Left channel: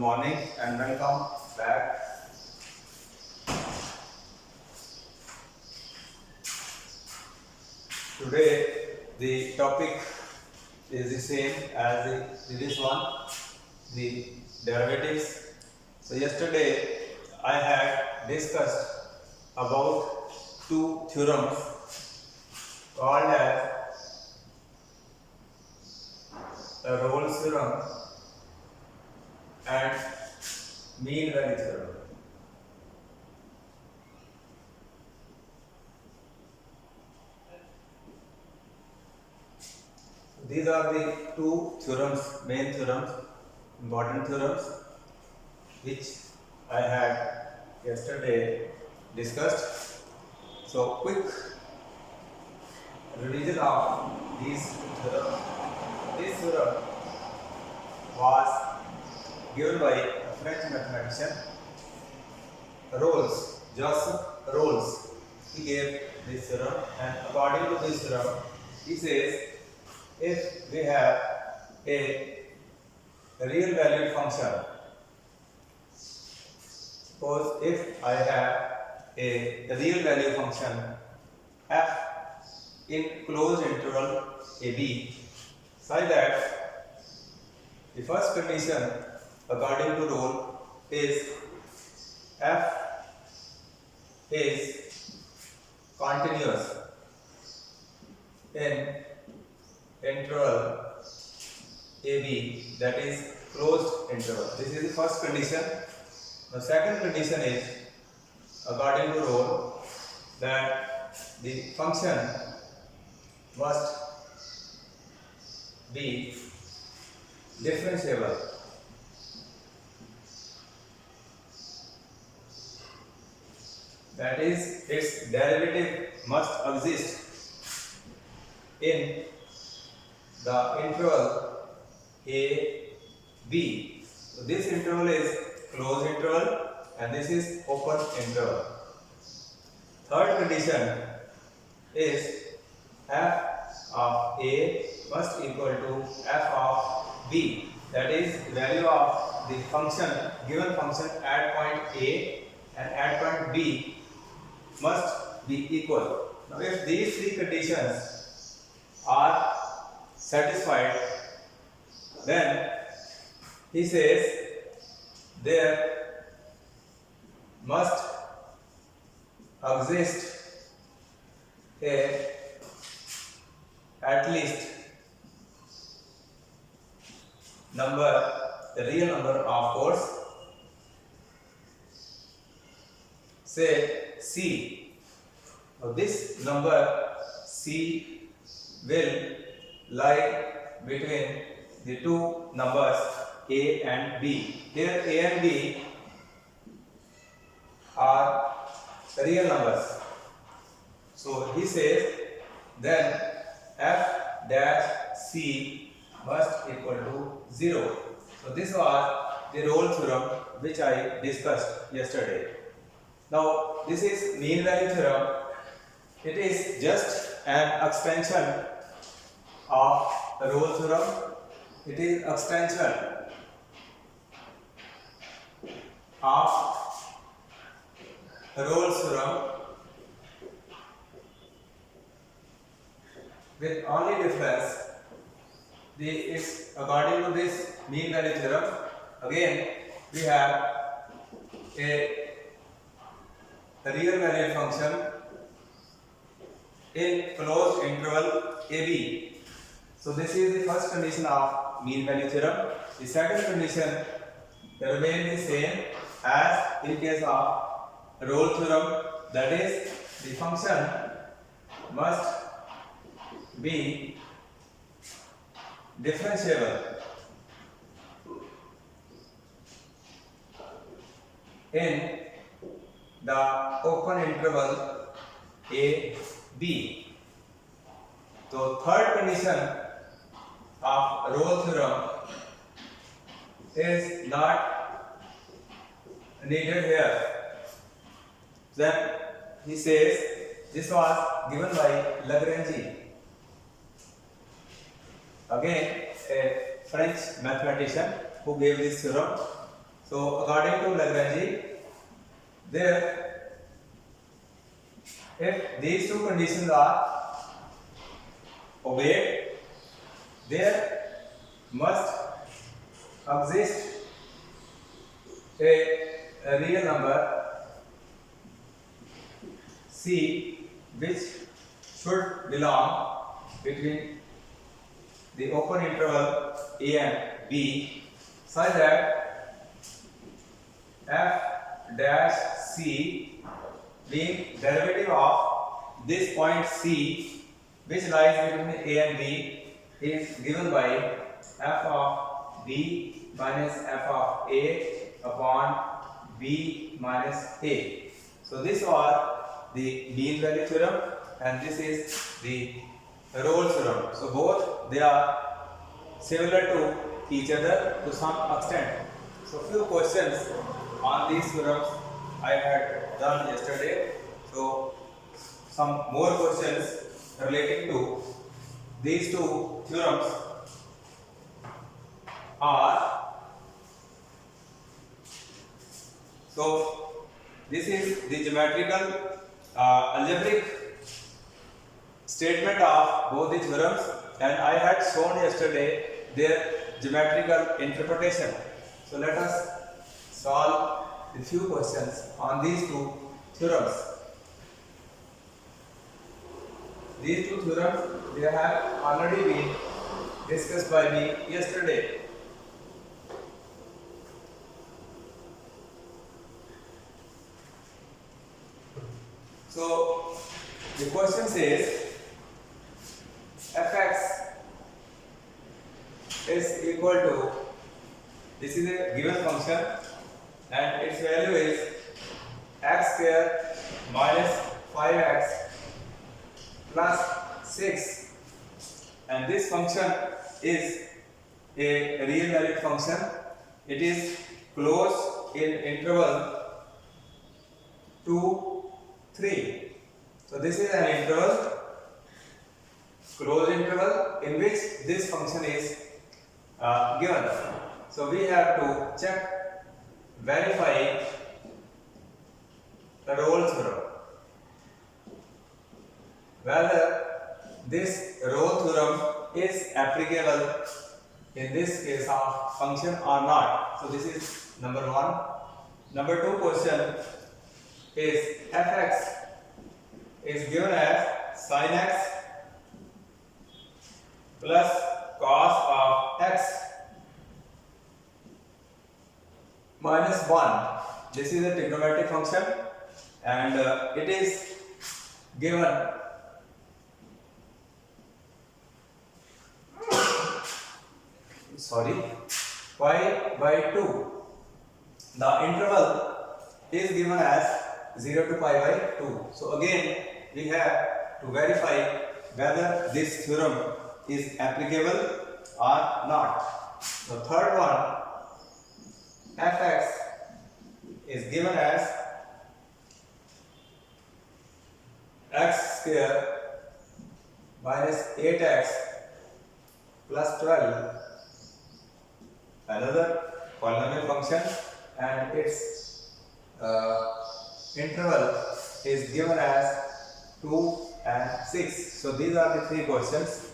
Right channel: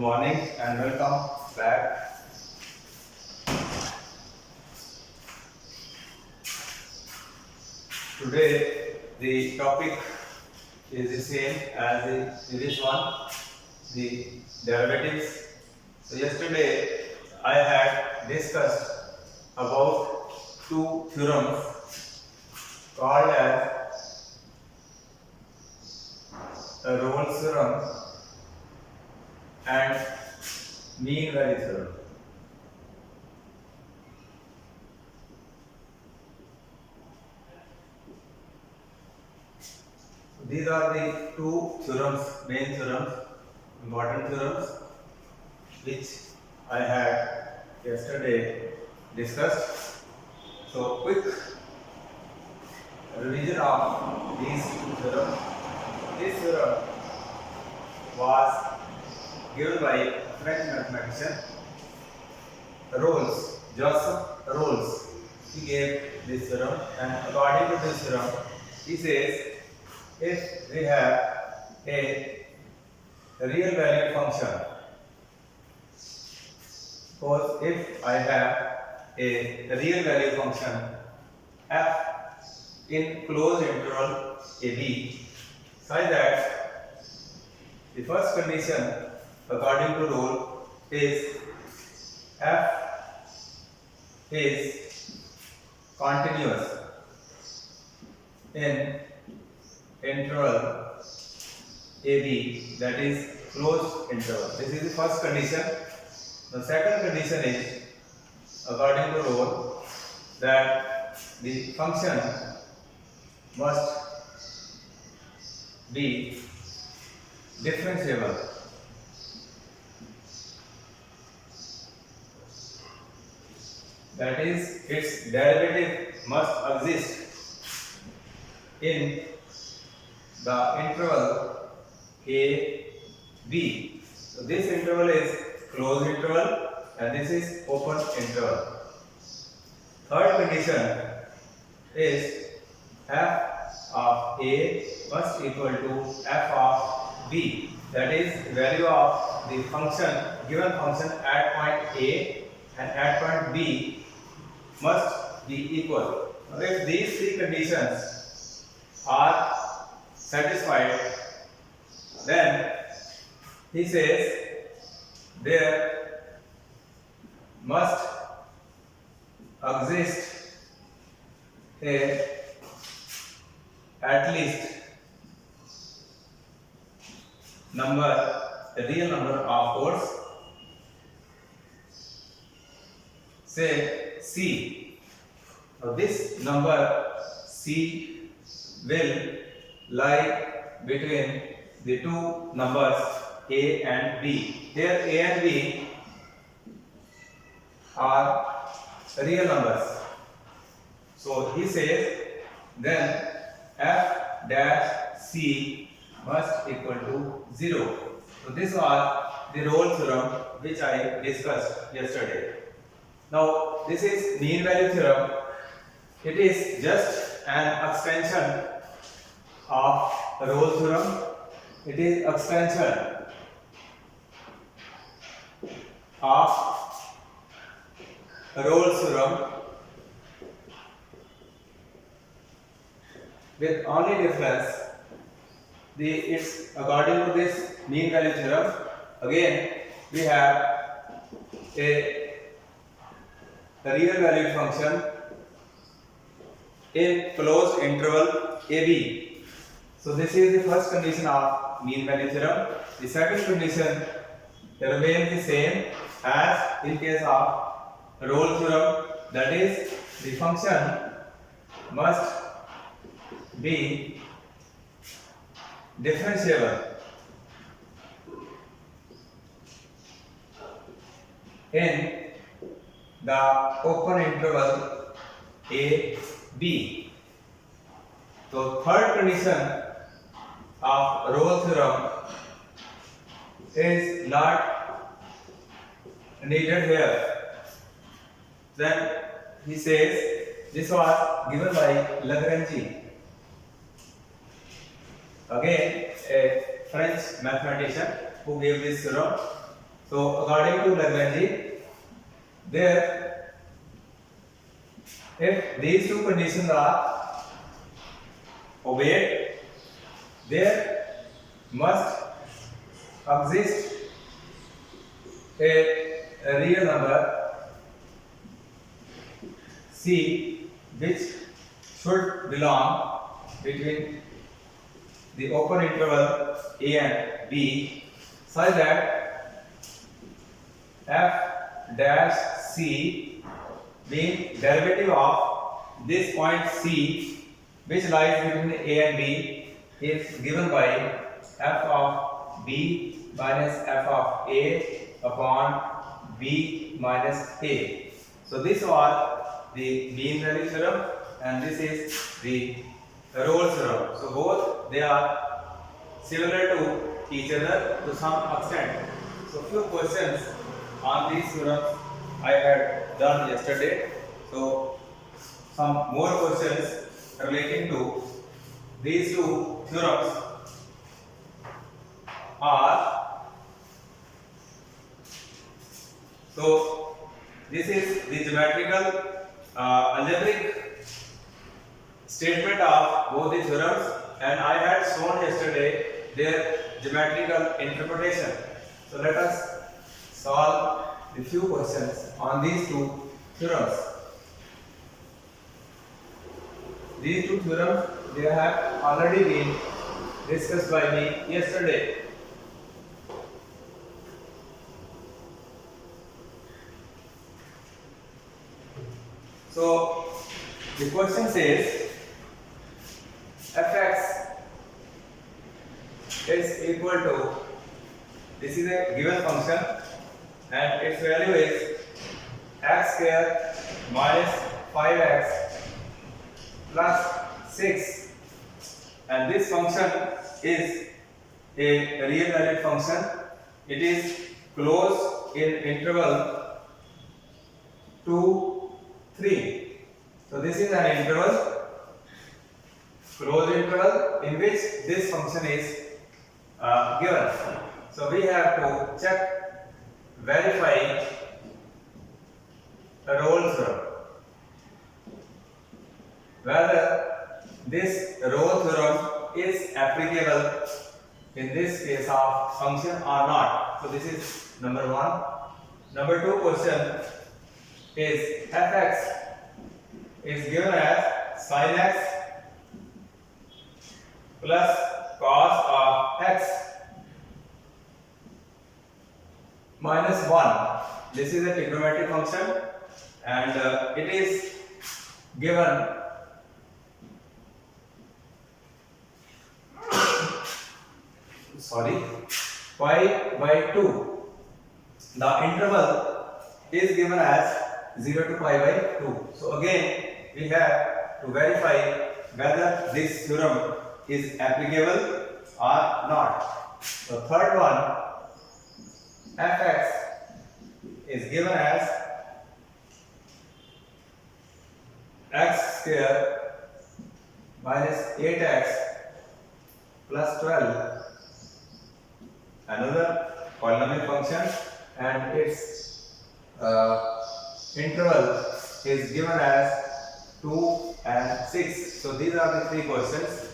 morning and welcome back. Today the topic is the same as the previous one, the derivatives. So yesterday I had discussed about two theorems called as Rolle's theorem and mean value theorem. These are the two theorems, main theorems, important theorems, which I had yesterday discussed. So, quick revision of these theorems. This theorem was given by a French mathematician, Rolles, Joseph Rolles. He gave this theorem, and according to this theorem, he says if we have a real valued function, suppose if I have a real value function f in closed interval ab, such that the first condition according to Rolle is f is continuous in interval AB, that is closed interval. This is the first condition. The second condition is according to Rolle that the function must be differentiable. That is, its derivative must exist in the interval a b. So this interval is closed interval and this is open interval. Third condition is f of a must equal to f of b. That is, value of the function, given function at point a and at point b must be equal. Now, if these three conditions are satisfied, then he says there must exist at least a real number of chords, say C. Now this number C will lie between the two numbers A and B. Here A and B are real numbers. So he says then f dash C must equal to 0. So this was the Rolle's theorem which I discussed yesterday. Now this is mean value theorem. It is just an extension of Rolle's theorem. It is extension of Rolle's theorem with only difference. It's according to this mean value theorem. Again, we have a real valued function in closed interval AB. So this is the first condition of mean value theorem. The second condition remains the same as in case of Rolle's theorem, that is, the function must be differentiable in the open interval a b. So third condition of Rolle's theorem is not needed here. Then he says this was given by Lagrange, again a French mathematician who gave this theorem. So according to Lagrange, there, if these two conditions are obeyed, there must exist a real number C which should belong between the open interval a and b such that f dash c being derivative of this point c which lies between a and b is given by f of b minus f of a upon b minus a. So this was the mean value theorem and this is the Rolle's theorem. So both they are similar to each other to some extent. So few questions on these theorems I had done yesterday. So some more questions relating to these two theorems are, so this is the geometrical algebraic statement of both the theorems and I had shown yesterday their geometrical interpretation. So let us solve a few questions on these two theorems. These two theorems, they have already been discussed by me yesterday. So the question says fx is equal to, this is a given function and its value is x square minus 5x plus 6 and this function is a real valued function. It is closed in interval 2, 3. So this is an interval, closed interval in which this function is given. So we have to check, verify the Rolle's theorem, whether this Rolle's theorem is applicable in this case of function or not. So this is number one. Number two question is fx is given as sin x plus cos of x minus 1. This is a trigonometric function and it is given pi by 2. The interval is given as 0 to pi by 2. So again we have to verify whether this theorem is applicable or not. So third one, fx is given as x square minus 8x plus 12, another polynomial function, and its interval is given as 2 and 6. So these are the three questions.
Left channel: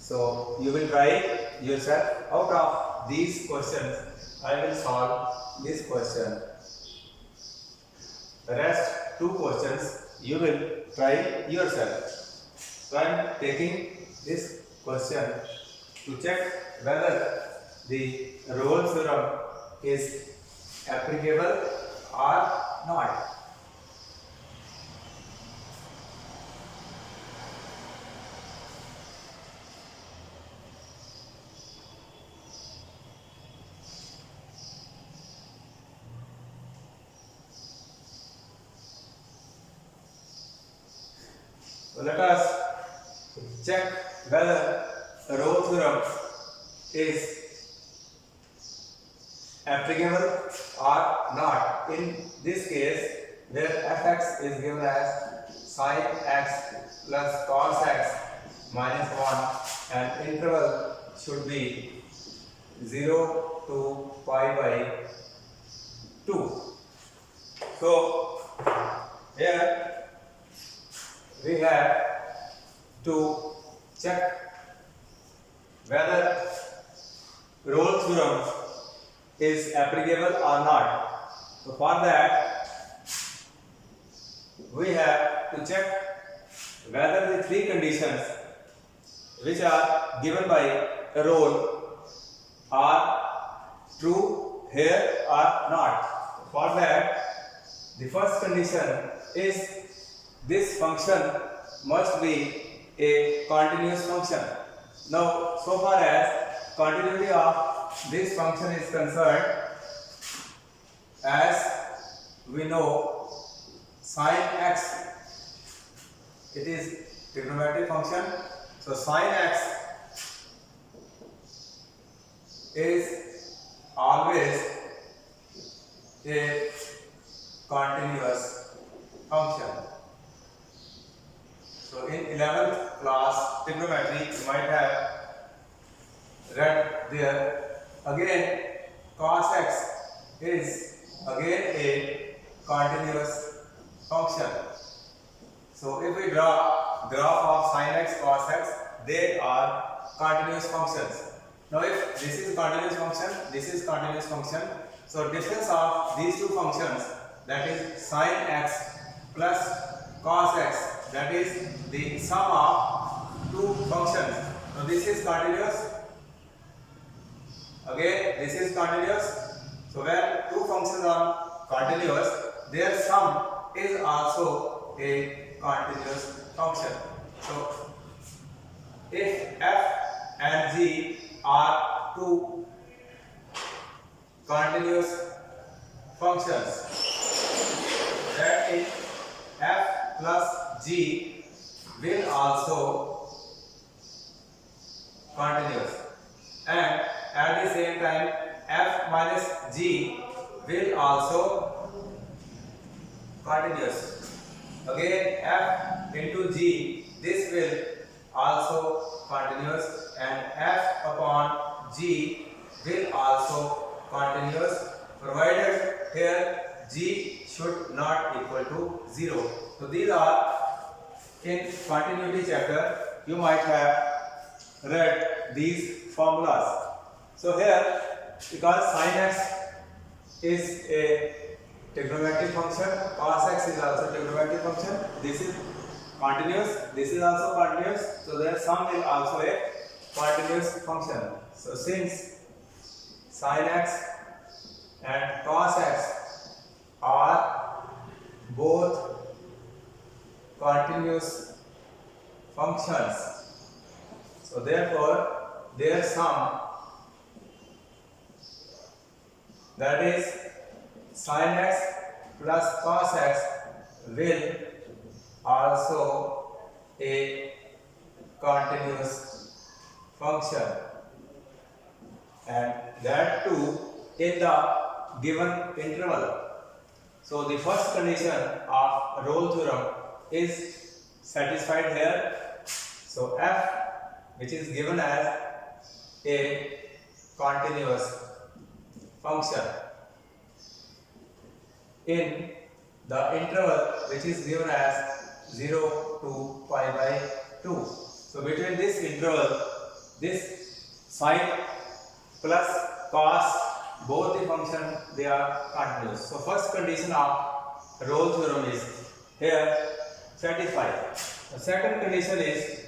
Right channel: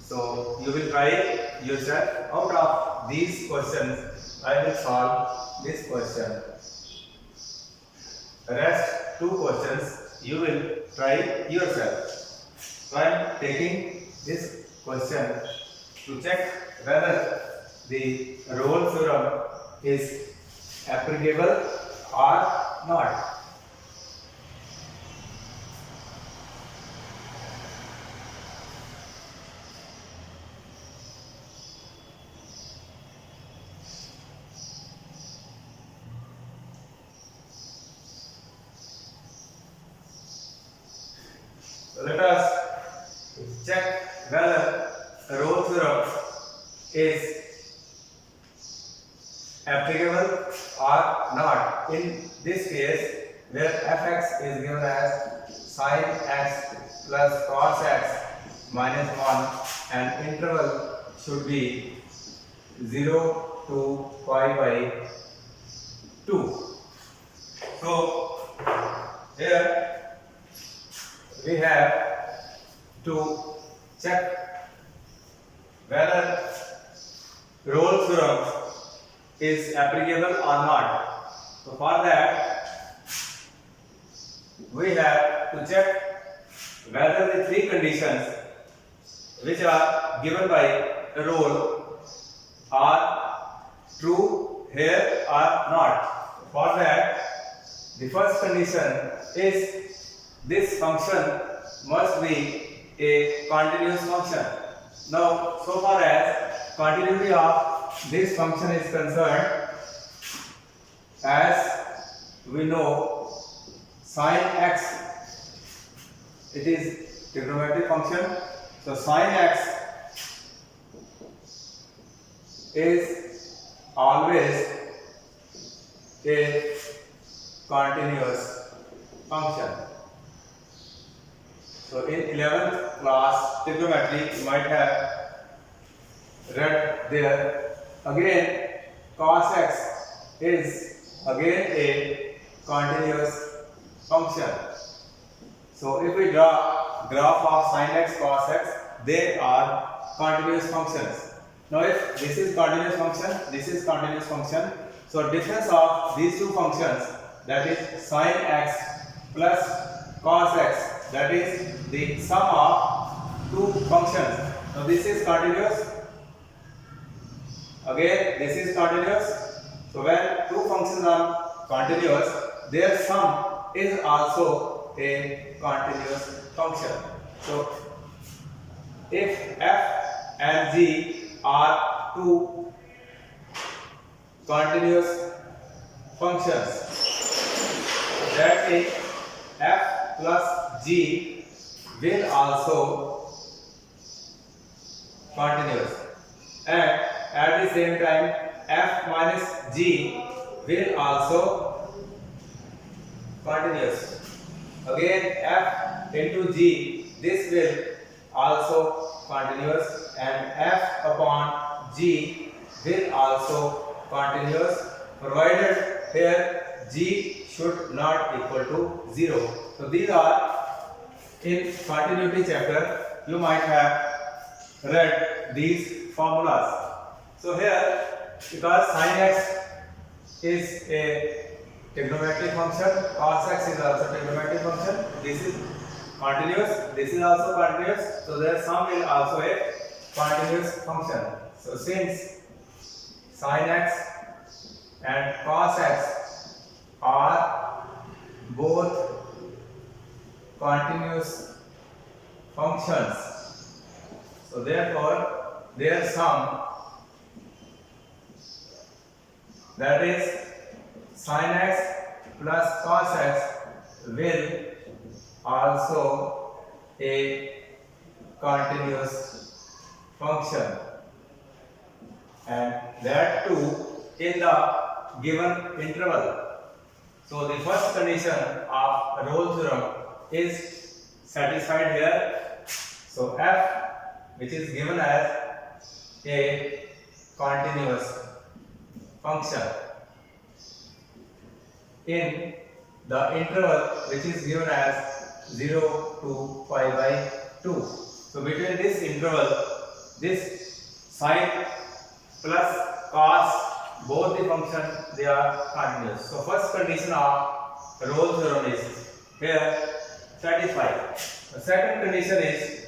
So you will try yourself. Out of these questions, I will solve this question. Rest two questions you will try yourself. So I am taking this question to check whether the Rolle's theorem is applicable or not. So let us check whether Rolle's theorem is applicable or not. In this case, where fx is given as sin x plus cos x minus 1 and interval should be 0 to pi by 2. So here we have to check whether Rolle's theorem is applicable or not. So for that we have to check whether the three conditions which are given by Rolle are true here or not. For that, the first condition is this function must be a continuous function. Now, so far as continuity of this function is concerned, as we know, sin x, it is trigonometric function. So sin x is always a continuous function. So in 11th class trigonometry you might have read there. Again cos x is again a continuous function. So if we draw graph of sin x, cos x, they are continuous functions. Now if this is continuous function, this is continuous function, so difference of these two functions, that is sin x plus cos x, that is the sum of two functions. Now this is continuous, again this is continuous. So when two functions are continuous, their sum is also a continuous function. So if f and g are two continuous functions, that means f plus g will also continuous, and at the same time f minus g will also continuous. Again f into g, this will also continuous, and f upon g will also continuous, provided here g should not equal to 0. So these are in continuity chapter, you might have read these formulas. So here, because sin x is a trigonometric function, cos x is also trigonometric function, this is continuous, this is also continuous, so their sum is also a continuous function. So since sin x and cos x are both continuous functions, so therefore their sum, that is sin x plus cos x, will also a continuous function, and that too in the given interval. So the first condition of Rolle theorem is satisfied here. So f, which is given as a continuous function in the interval which is given as 0 to pi by 2. So between this interval, this sin plus cos, both the function they are continuous. So first condition of Rolle theorem is here satisfied. The second condition is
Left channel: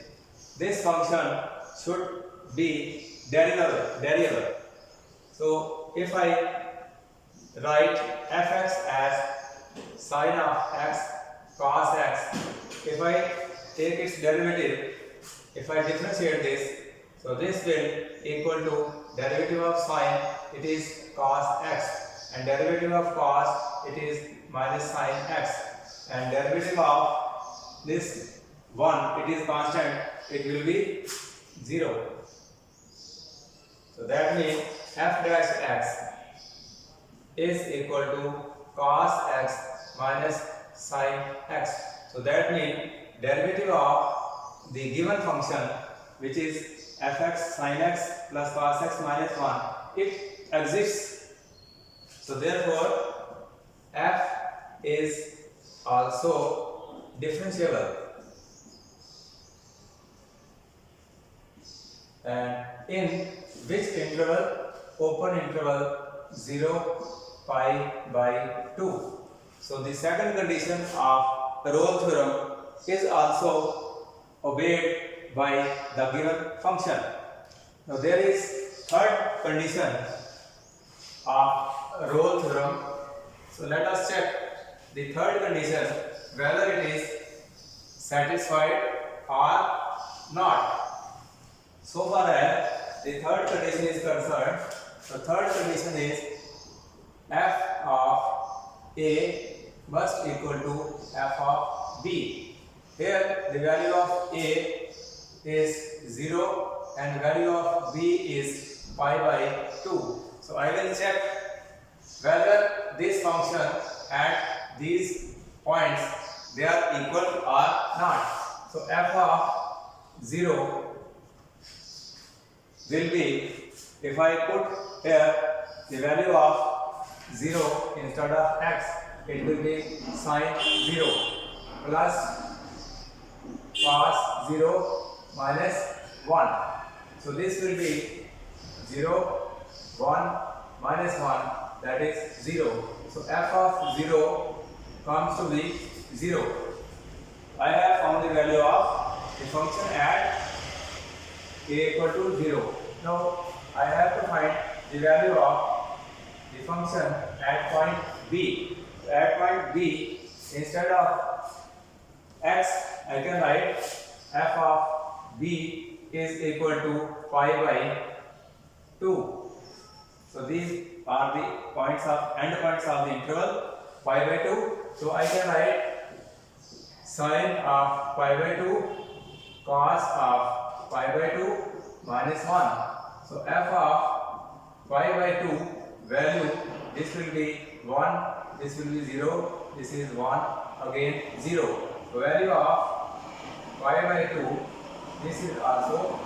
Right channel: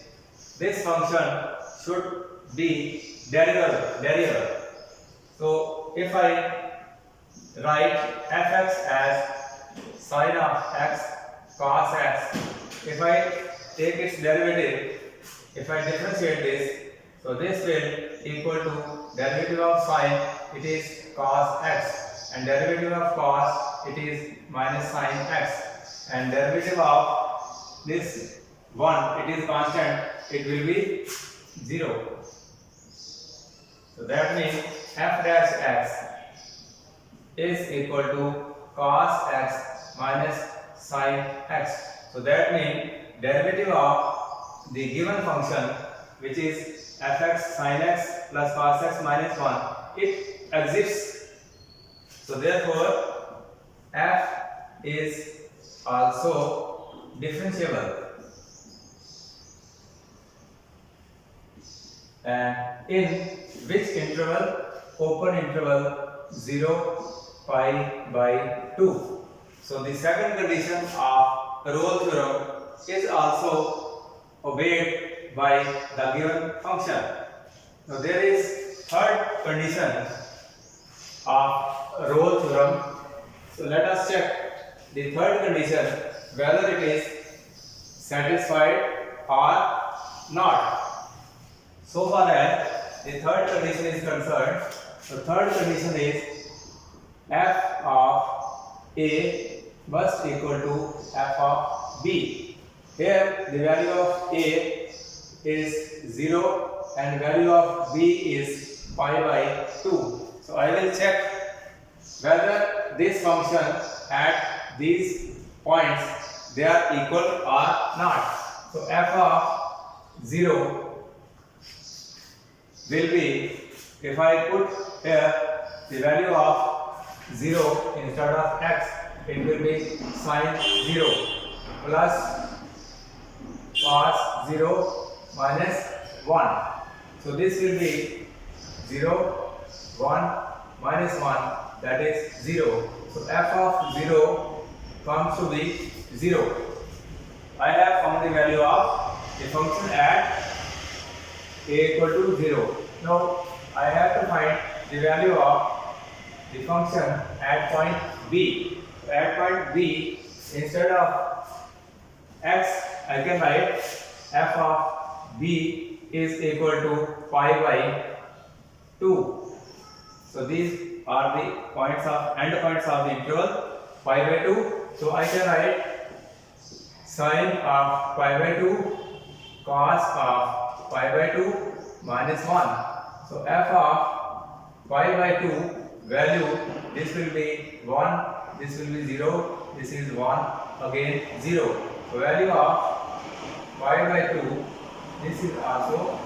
this function should be derivable. So if I write fx as sin of x cos x, if I take its derivative, if I differentiate this, so this will equal to derivative of sin, it is cos x, and derivative of cos, it is minus sin x, and derivative of this 1, it is constant, it will be 0. So that means f dash x is equal to cos x minus sin x. So that means derivative of the given function, which is fx sin x plus cos x minus 1, it exists. So therefore f is also differentiable, and in which interval? Open interval 0 pi by 2. So the second condition of the Rolle's theorem is also obeyed by the given function. Now there is third condition of Rolle's theorem. So let us check the third condition whether it is satisfied or not. So far as the third condition is concerned, the third condition is f of A must equal to f of B. Here the value of A is 0 and value of B is pi by 2. So I will check whether this function at these points they are equal or not. So f of 0 will be, if I put here the value of 0 instead of x, it will be sine 0 plus cos 0 minus 1. So this will be 0, 1 minus 1, that is 0. So f of 0 comes to be 0. I have found the value of the function at A equal to 0. Now I have to find the value of the function at point B. At point B, instead of x, I can write f of B is equal to pi by 2. So these are the points of end points of the interval pi by 2. So I can write sine of pi by 2 cos of pi by 2 minus 1. So f of pi by 2 value, this will be 1, this will be 0, this is 1, again 0. So value of pi by 2, this is also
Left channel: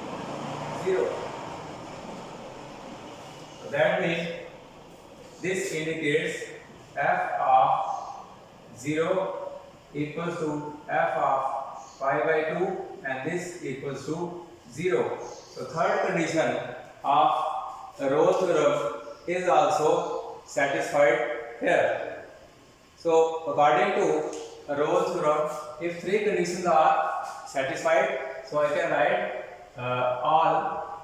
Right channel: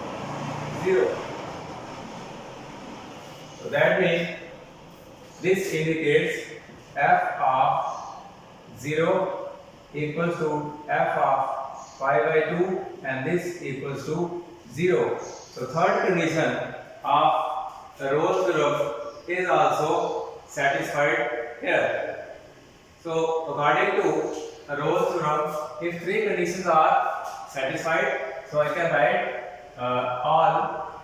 0. So that means this indicates f of 0 equals to f of pi by 2 and this equals to 0. So third condition of Rolle's theorem is also satisfied here. So according to Rolle's theorem, if three conditions are satisfied, so I can write all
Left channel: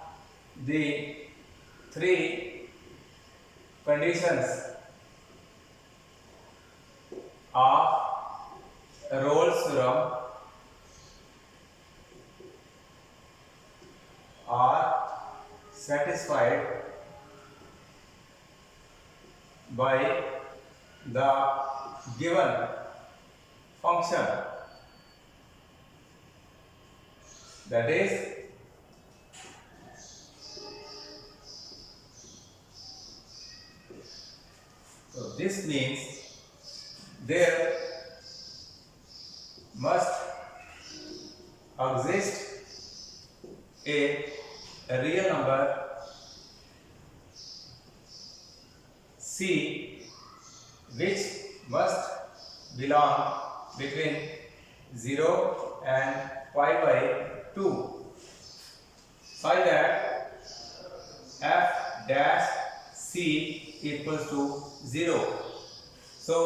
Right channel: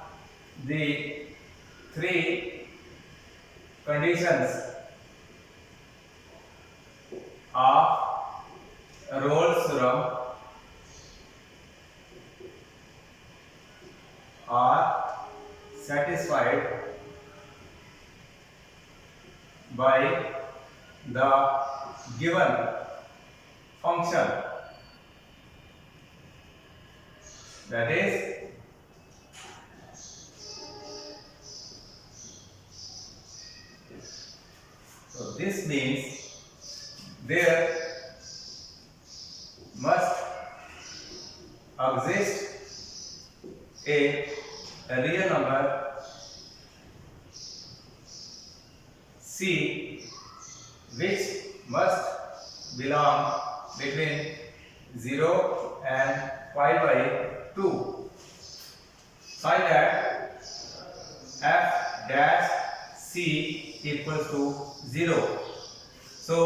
the three conditions of Rolle's theorem are satisfied by the given function, that is so this means there must exist a real number C which must belong between 0 and pi by 2 such that f dash C equals to 0. So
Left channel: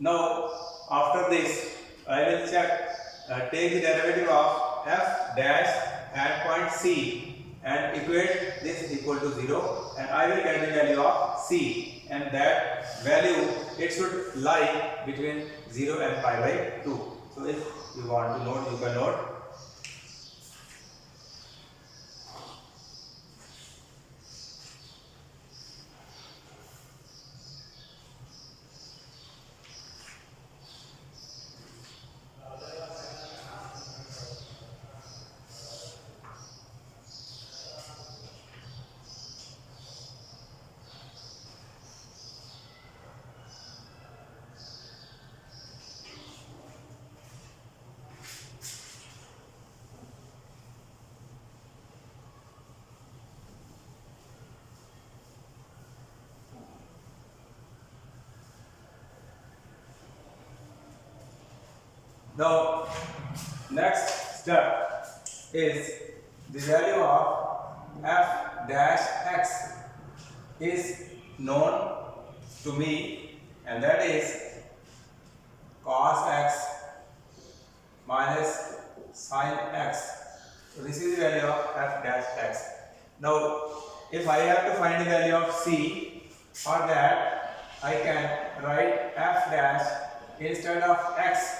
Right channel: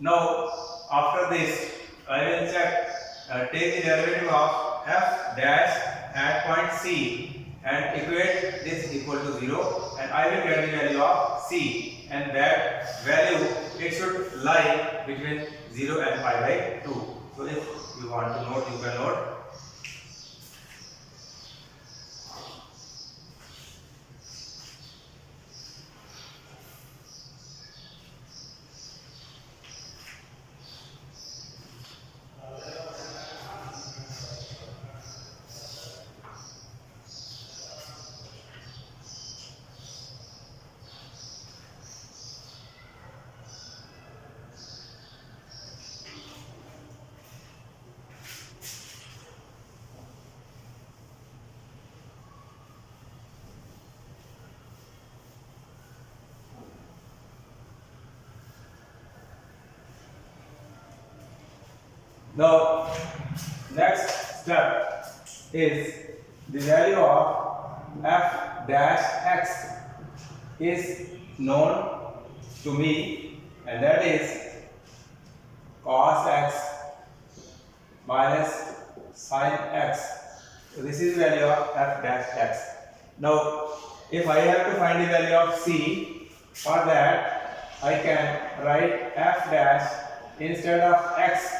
now after this I will check, take the derivative of f dash at point C and equate this equal to 0 and I will get the value of C, and that value it should lie between 0 and pi by 2. So if you want to note, you can note. Now, next step is the value of f dash x is known to me, and that is cos x minus sin x. So this is the value of f dash x. Now, if I have to find the value of c, for that I can write f dash instead of x.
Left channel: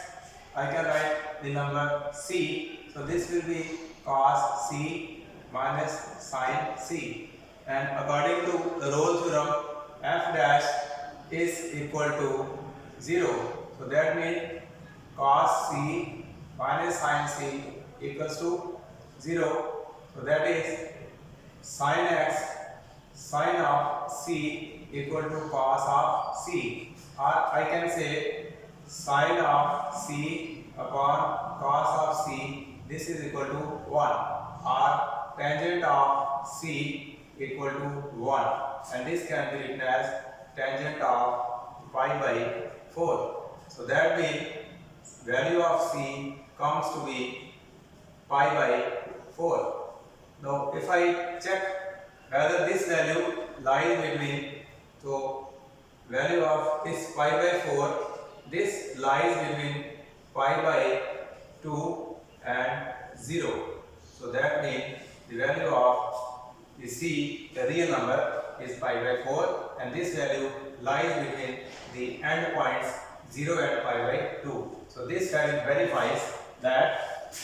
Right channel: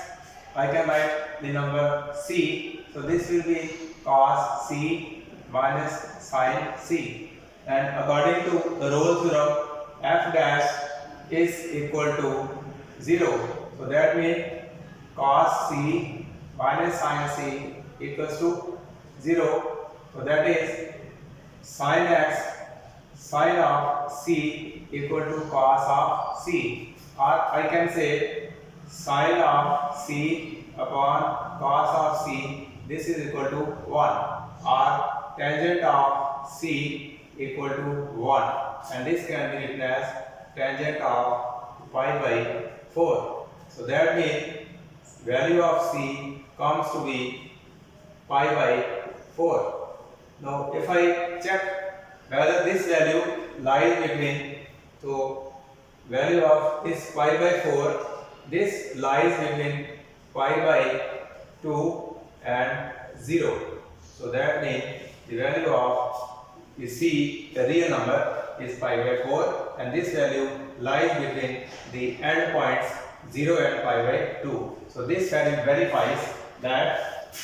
I can write the number c. So this will be cos c minus sin c. And according to the Rolle's theorem, f dash is equal to 0. So that means cos c minus sin c equals to 0. So that is sin x sin of c equal to cos of c. Or I can say sin of c upon cos of c, this is equal to 1, or tangent of c equal to 1, and this can be written as tangent of pi by 4. So that means value of c comes to be pi by 4. Now if I check whether this value lies between, so value of this pi by 4, this lies between pi by 2 and 0. So that means the value of the c, the real number, is pi by 4, and this value lies between the end points 0 and pi by 2. So this value verifies that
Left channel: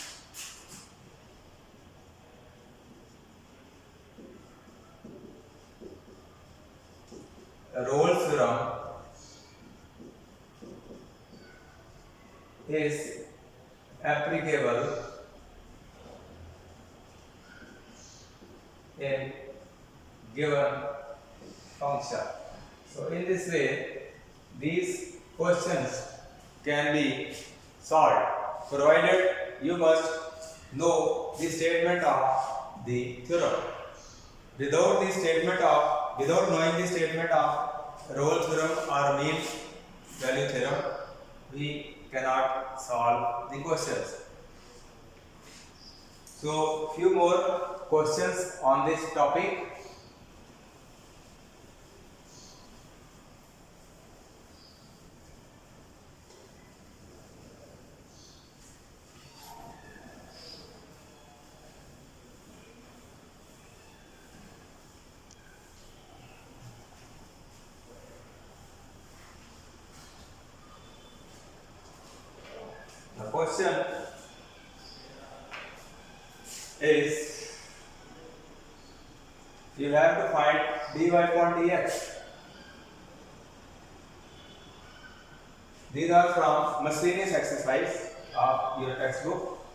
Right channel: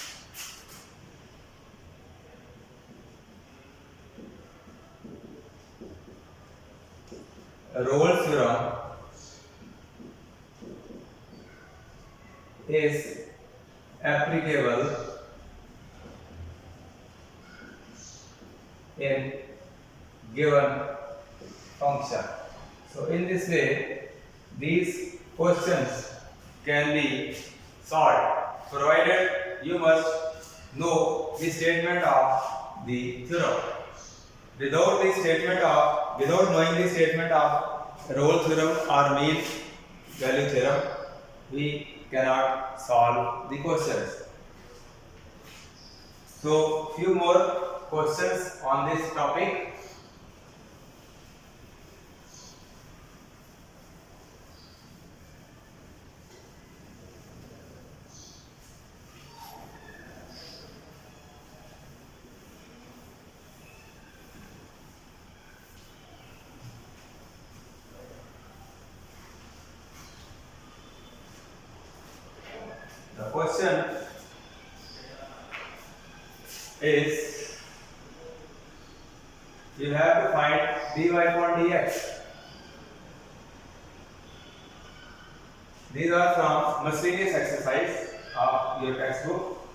Rolle's theorem is applicable in given function. So in this way, these questions can be solved, provided you must know the statement of the theorem. Without knowing the statement of Rolle's theorem or mean value theorem, we cannot solve the questions. So few more questions on this topic. The question is, you have to find dy upon dx. These are from miscellaneous exercise of your textbook.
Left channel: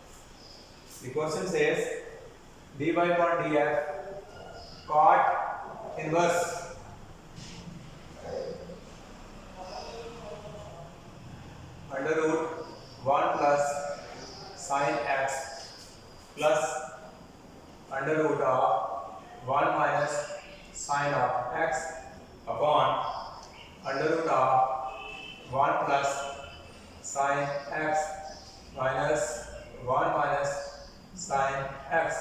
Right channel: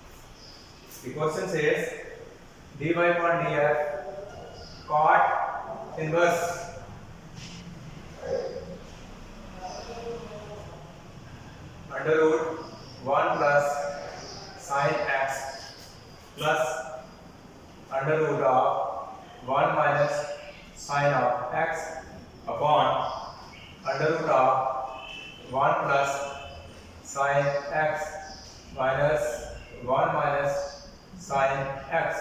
The question says dy upon dx cot inverse under root 1 plus sin x plus under root of 1 minus sin of x upon under root of 1 plus sin x minus 1 minus sin x.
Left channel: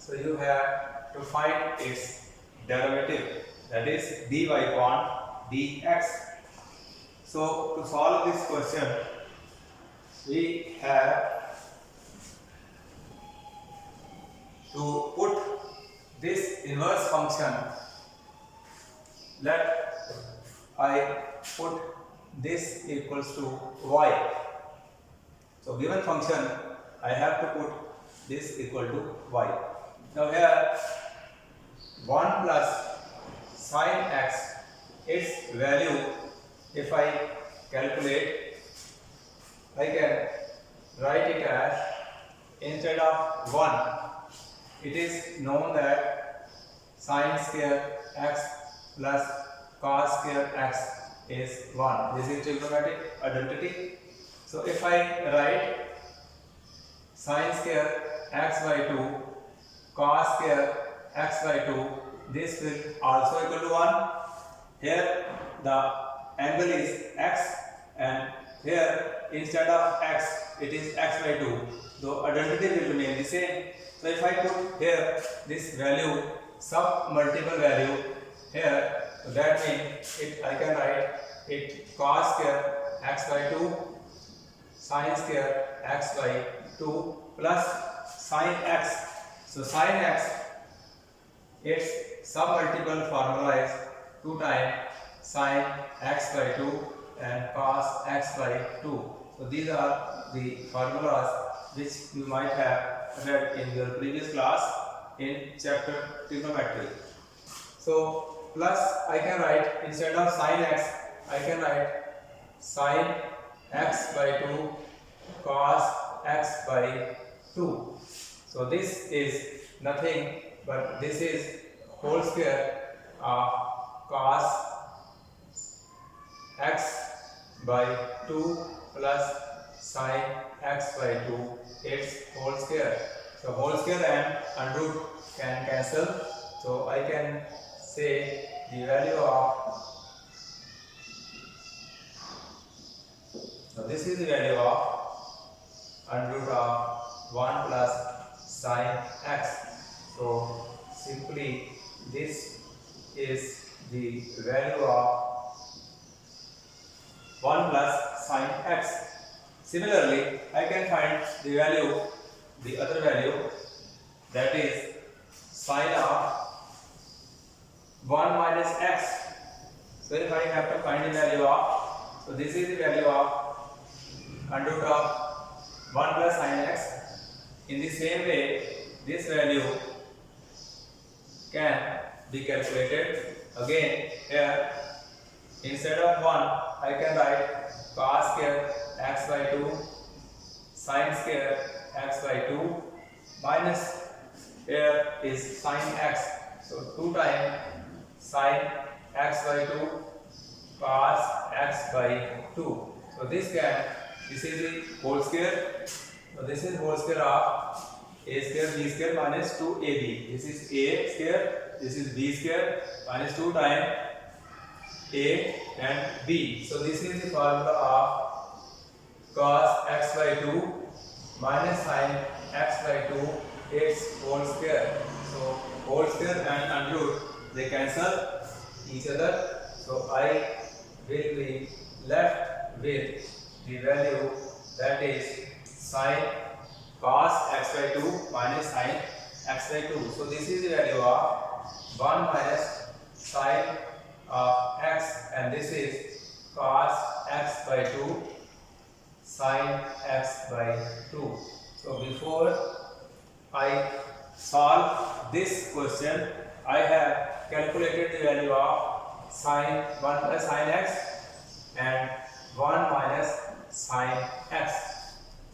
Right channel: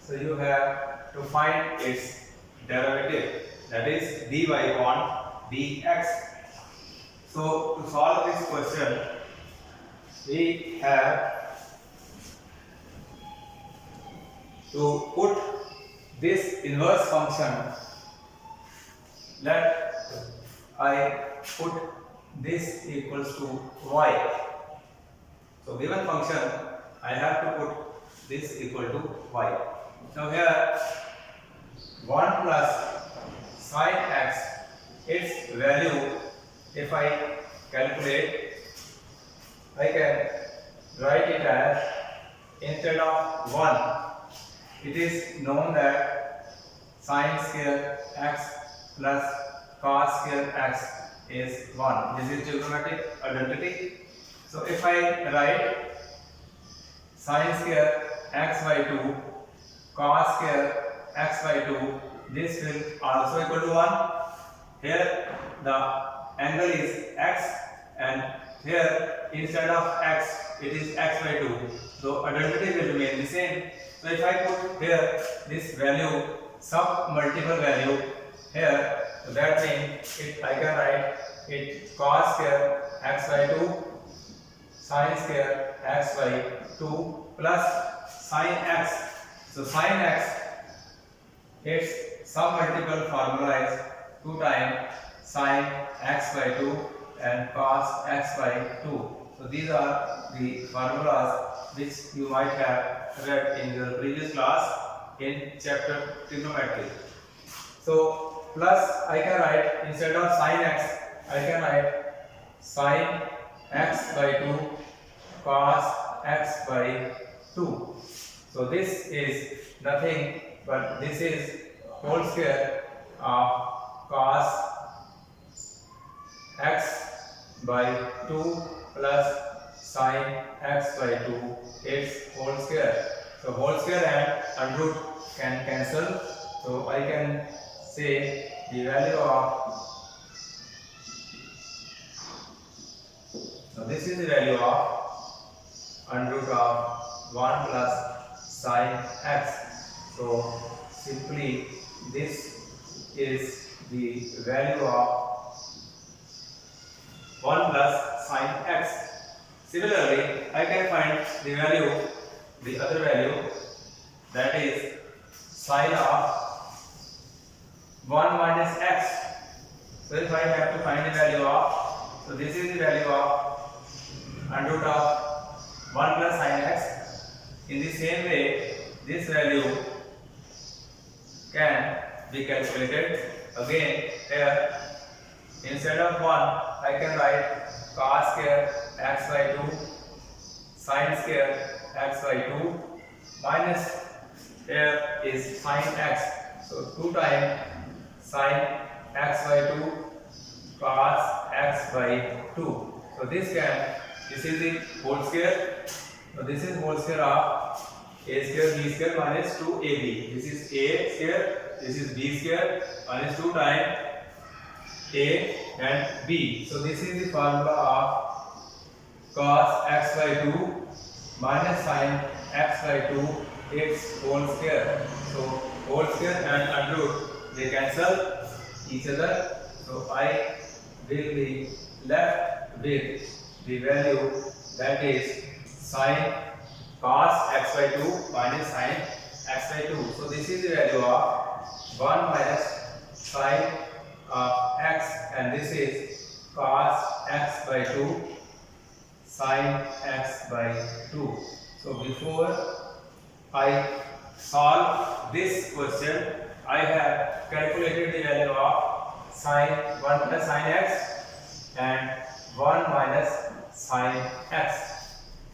So you have to find its derivative, that is dy upon dx. So to solve this question, we have to put this inverse function. Let I put this equals to y. So given function, I have to put this equal to y. Now here 1 plus sin x, its value, if I calculate, I can write it as, instead of 1, it is known that sin square x plus cos square x is 1. This is trigonometric identity. So if I write sin square x by 2 cos square x by 2, this will also equal to 1. Here the angle is x, and here instead of x it is x by 2. So identity will remain the same. So if I put here this value, some multiple value here, so that means I can write it cos square x by 2 sin square x by 2 plus sin x. So sin x, its some multiple formula is 2 times sin x by 2 and cos x by 2. So these are the formulas which you might have read in your previous class in chapter trigonometry. So plus I can write, instead of sin x, I can write sin x by 2 cos x by 2. So this is nothing but this is whole square of cos x by 2 plus sin x by 2, its whole square. So whole square and under root can cancel. So I can say the value of, so this is the value of under root of 1 plus sin x. So simply this is the value of 1 plus sin x. Similarly, I can find the value, the other value, that is sin of 1 minus x. So if I have to find the value of, so this is the value of under root of 1 plus sin x. In the same way, this value can be calculated. Again, here instead of 1, I can write cos square x by 2 sin square x by 2 minus, here is sin x. So 2 times sin x by 2 cos x by 2. So this is the whole square. So this is whole square of a square b square minus 2ab. This is a square, this is b square minus 2 times a and b. So this is the formula of cos x by 2 minus sin x by 2, its whole square. So whole square and under root, they cancel each other. So I will be left with the value, that is sin cos x by 2 minus sin x by 2. So this is the value of 1 minus sin of x, and this is cos x by 2 sin x by 2. So before I solve this question, I have calculated the value of sin 1 plus sin x and 1 minus sin x.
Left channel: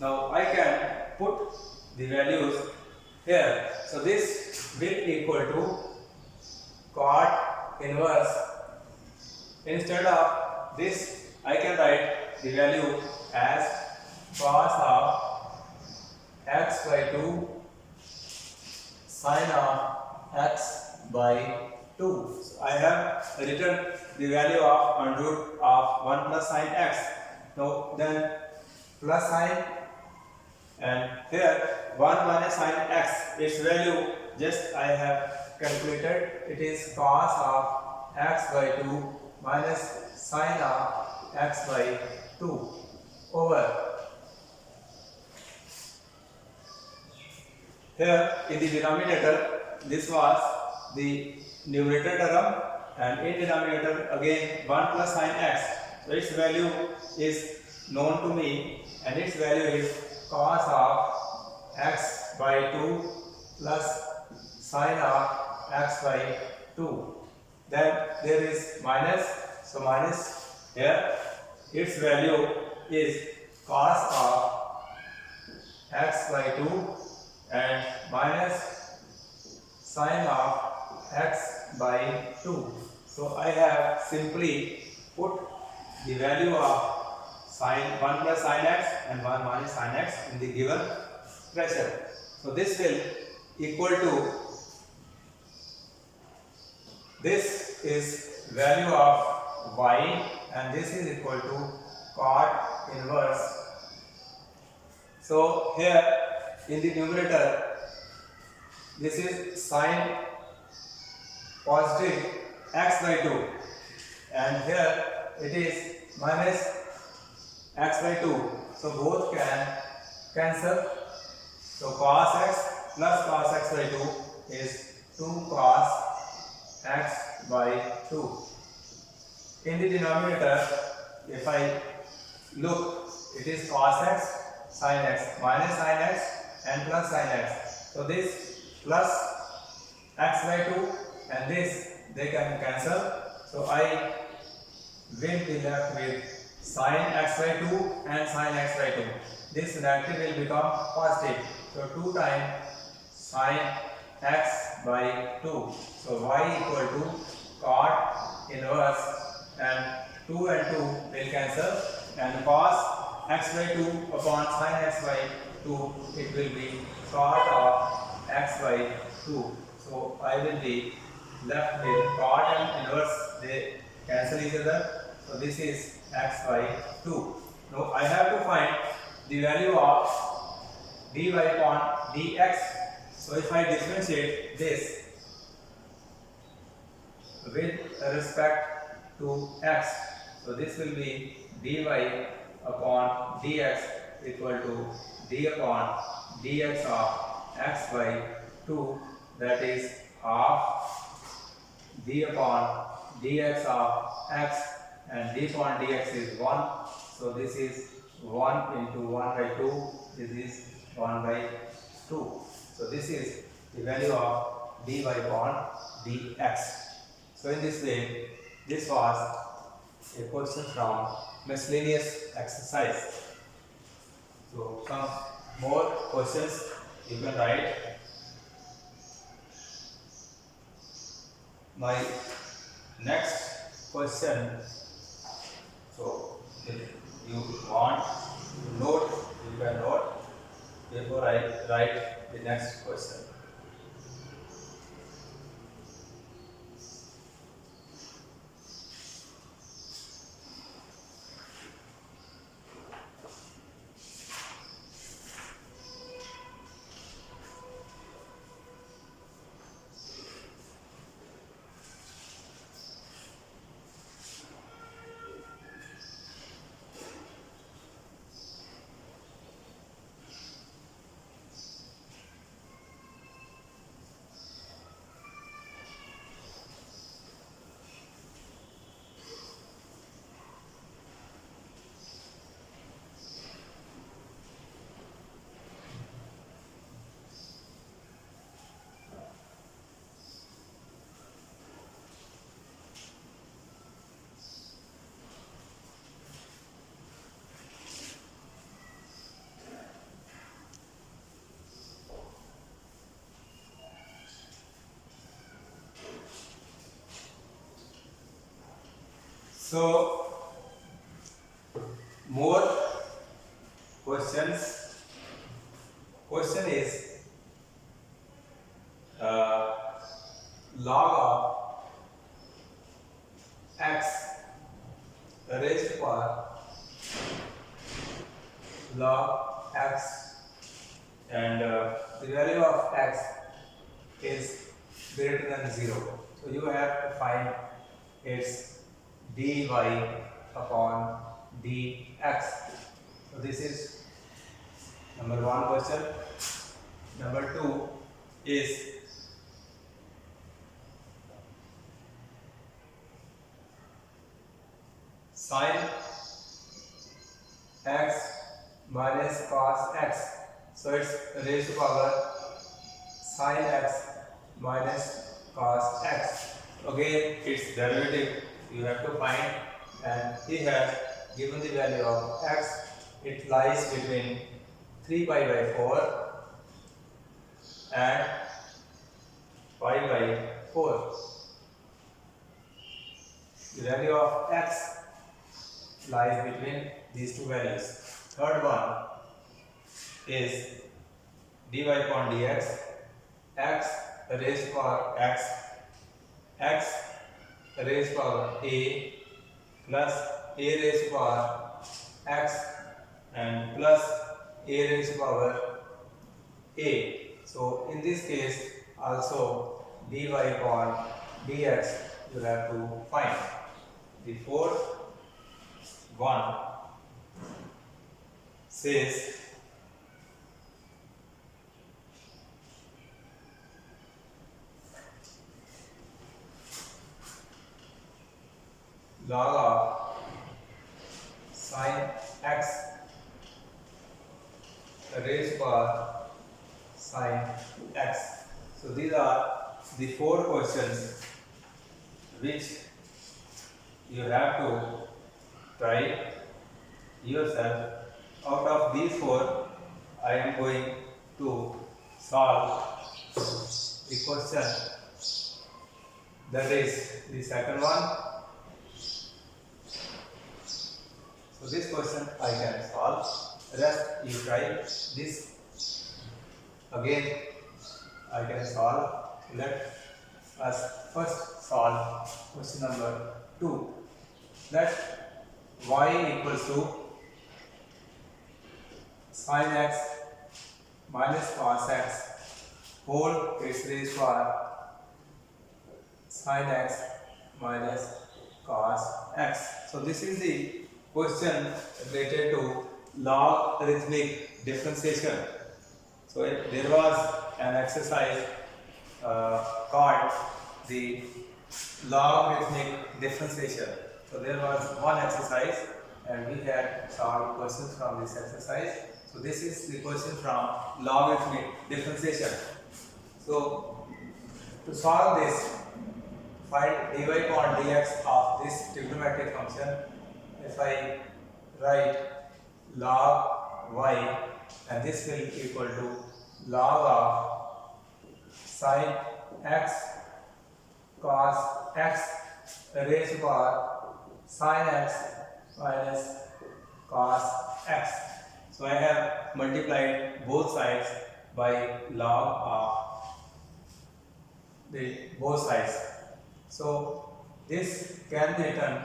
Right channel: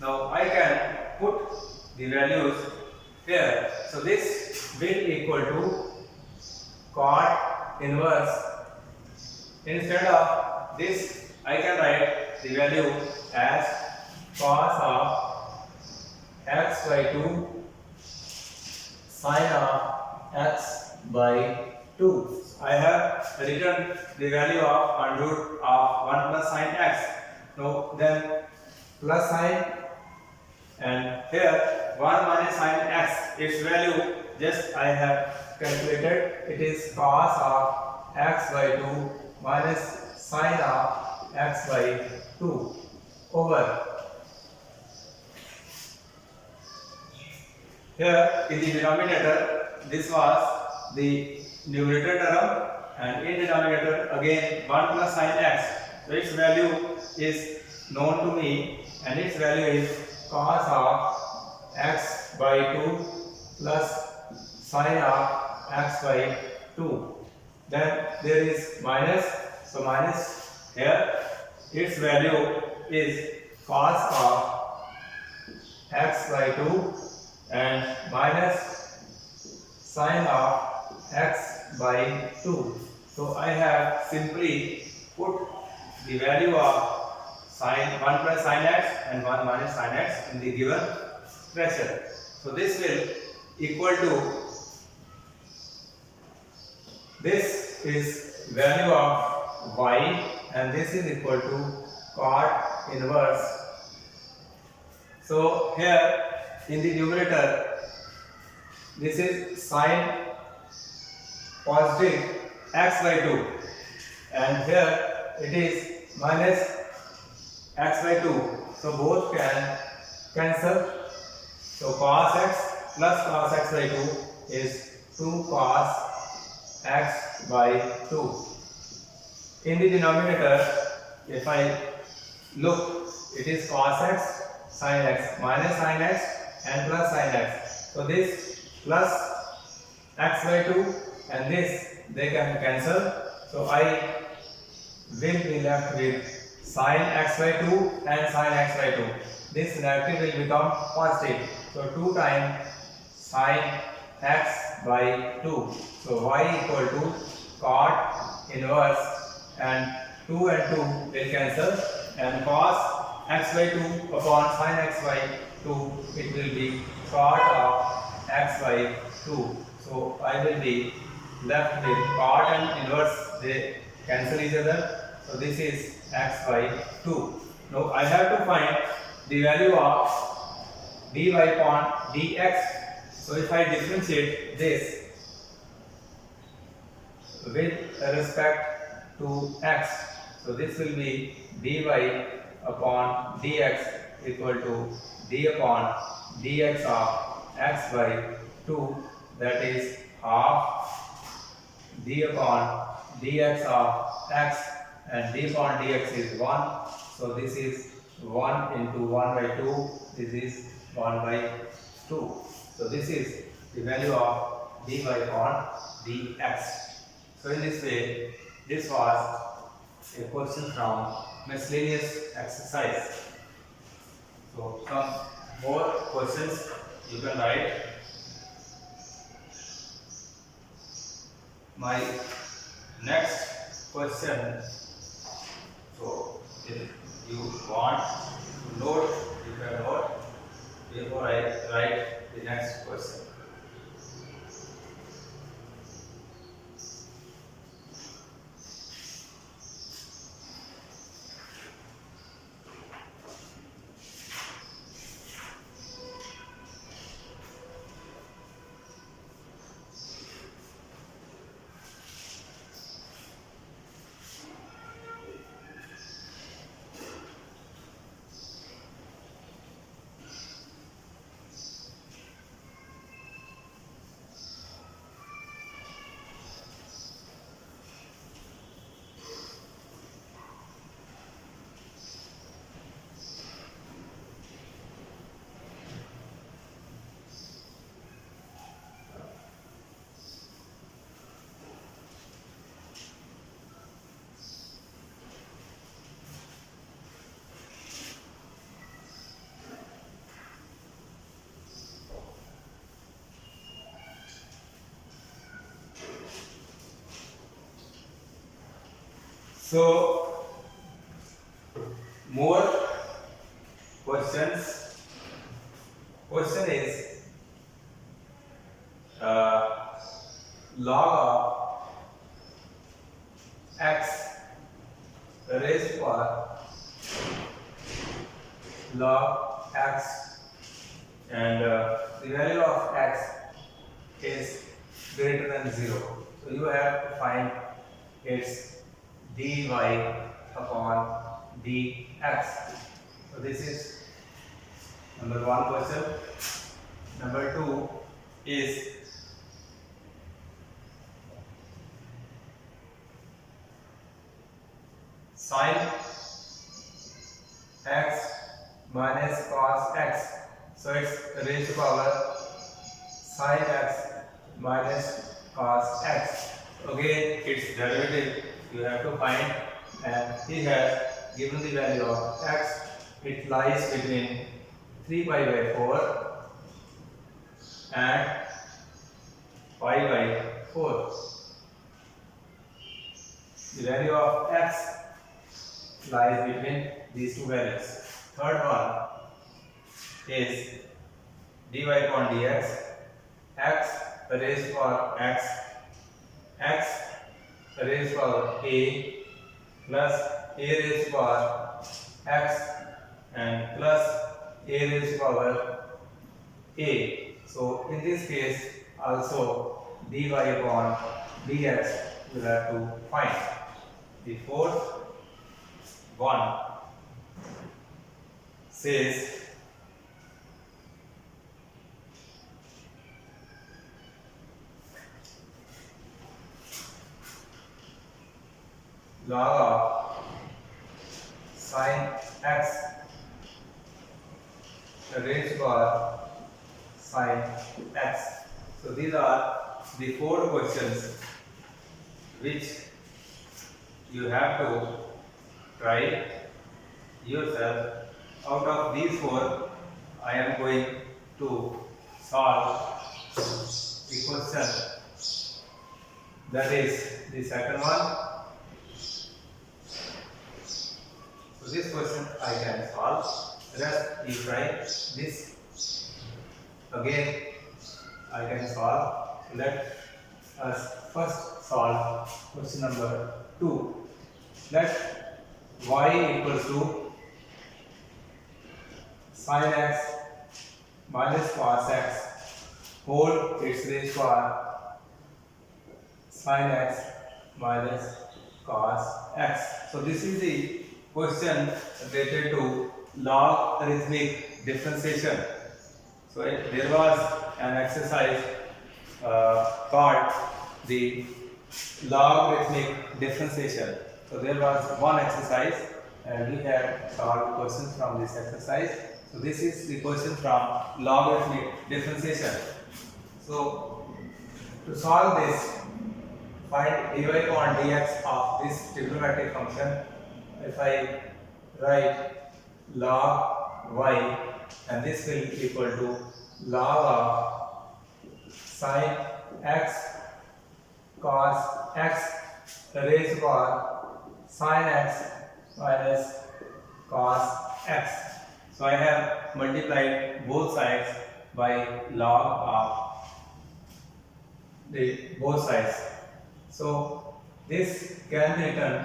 Now I can put the values here. So this will equal to cot inverse. Instead of this, I can write the value as cos of x by 2 sin of x by 2. So I have written the value of under root of 1 plus sin x. Now then plus sin, and here 1 minus sin x, its value just I have calculated. It is cos of x by 2 minus sin of x by 2 over, here in the denominator this was the numerator term, and in denominator again 1 plus sin x. So its value is known to me, and its value is cos of x by 2 plus sin of x by 2. Then there is minus, so minus here, its value is cos of x by 2 and minus sin of x by 2. So I have simply put the value of sin 1 plus sin x and 1 minus sin x in the given expression. So this will equal to, this is value of y, and this is equal to cot inverse So here in the numerator, this is sine positive x by 2, and here it is minus x by 2. So both can cancel. So cos x plus cos x by 2 is 2 cos x by 2. In the denominator, if I look, it is cos x sin x minus sin x and plus sin x. So this plus x by 2 and this they can cancel. So I will be left with sin x by 2 and sin x by 2. This negative will become positive. So 2 times sin x by 2. So y equal to cot inverse, and 2 and 2 will cancel, and cos x by 2 upon sin x by 2, it will be cot of x by 2. So I will be left with cot and inverse, they cancel each other. So this is x by 2. Now I have to find the value of dy upon dx. So if I differentiate this with respect to x, so this will be dy upon dx equal to d upon dx of x by 2, that is half d upon dx of x, and d upon dx is 1. So this is 1 into 1 by 2, this is 1 by 2. So this is the value of dy upon dx. So in this way, this was a question from miscellaneous exercise. So some more questions you can write. My next question, so if you want to note, you can note before I write the next question. So more questions. Question is log of x raised to power log x, and the value of x is greater than 0. So you have to find its dy upon dx. So this is number 1 question. Number 2 is sin x minus cos x. So it's raised to power sin x minus cos x. Again, its derivative you have to find, and he has given the value of x. It lies between 3 pi by 4 and pi by 4. The value of x lies between these two values. Third one is dy upon dx, x raised to power x, x raised to power a plus a raised to power x, and plus a raised to power a. So in this case also dy upon dx you have to find. The fourth one says log of sin x raised to power sin x. So these are the four questions which you have to try yourself. Out of these four, I am going to solve the question. That is the second one. So this question I can solve. Rest you try. This again I can solve. Let us first solve question number 2. Let y equals to sin x minus cos x whole its raised to sin x minus cos x. So this is the question related to logarithmic differentiation. So there was an exercise called the logarithmic differentiation. So there was one exercise and we had solved questions from this exercise. So this is the question from logarithmic differentiation. So to solve this, find dy upon dx of this trigonometric function. If I write log y, and this will equal to log of sin x cos x raised to power sin x minus cos x. So I have multiplied both sides by log of the both sides. So this can be written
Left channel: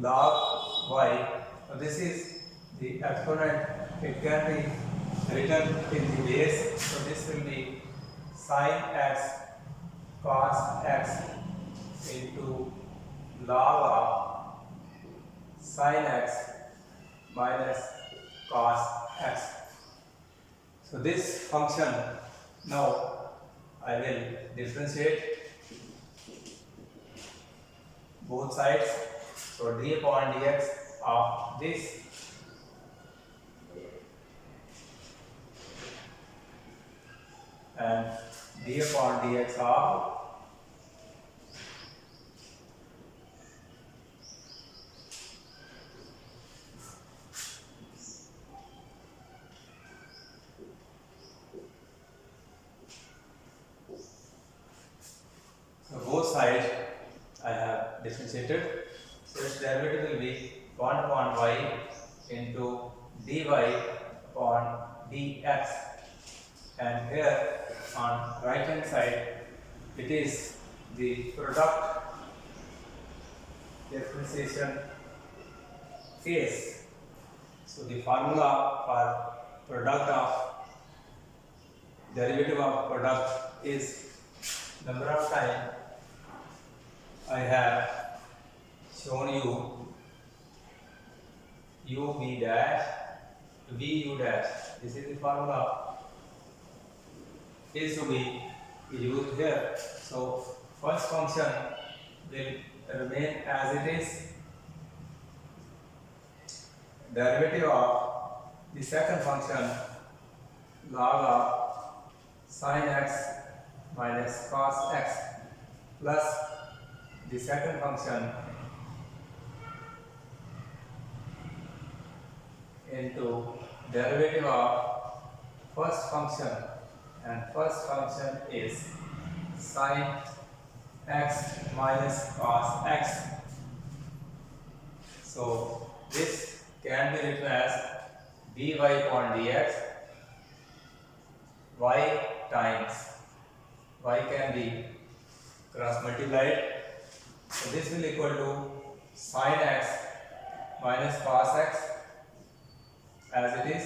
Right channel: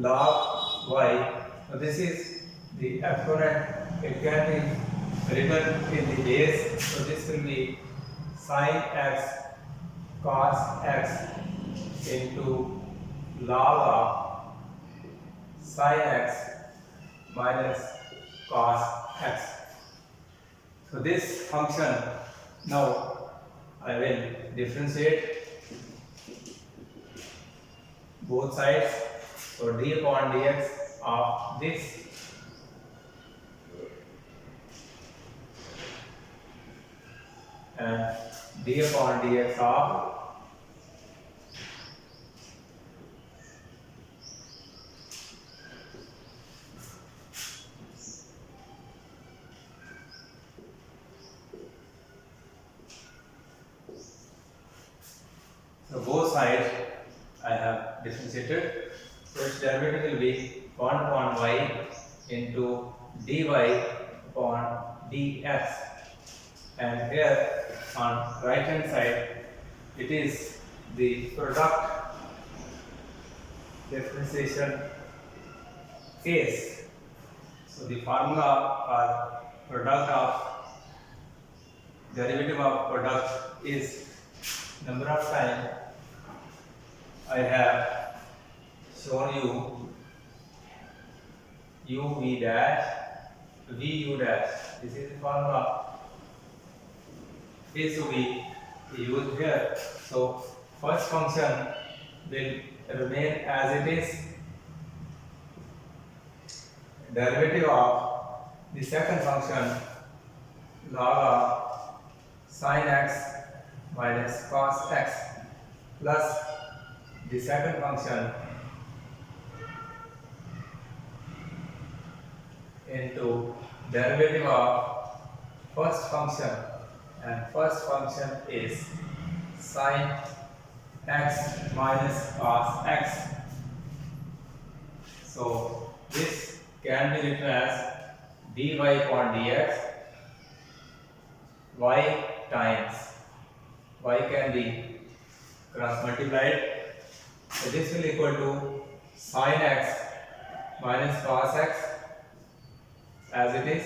log y. So this is the exponent. It can be written in the base. So this will be sin x cos x into log of sin x minus cos x. So this function now I will differentiate both sides. So d upon dx of this and d upon dx of so both sides I have differentiated. So its derivative will be 1 upon y into dy upon dx, and here on right hand side it is the product differentiation case. So the formula for product of derivative of product is number of time I have shown you u v dash v u dash. This is the formula is to be used here. So first function will remain as it is. Derivative of the second function log of sin x minus cos x plus the second function into derivative of first function, and first function is sin x minus cos x. So this can be written as dy upon dx y times y can be cross multiplied. So this will equal to sin x minus cos x as it is,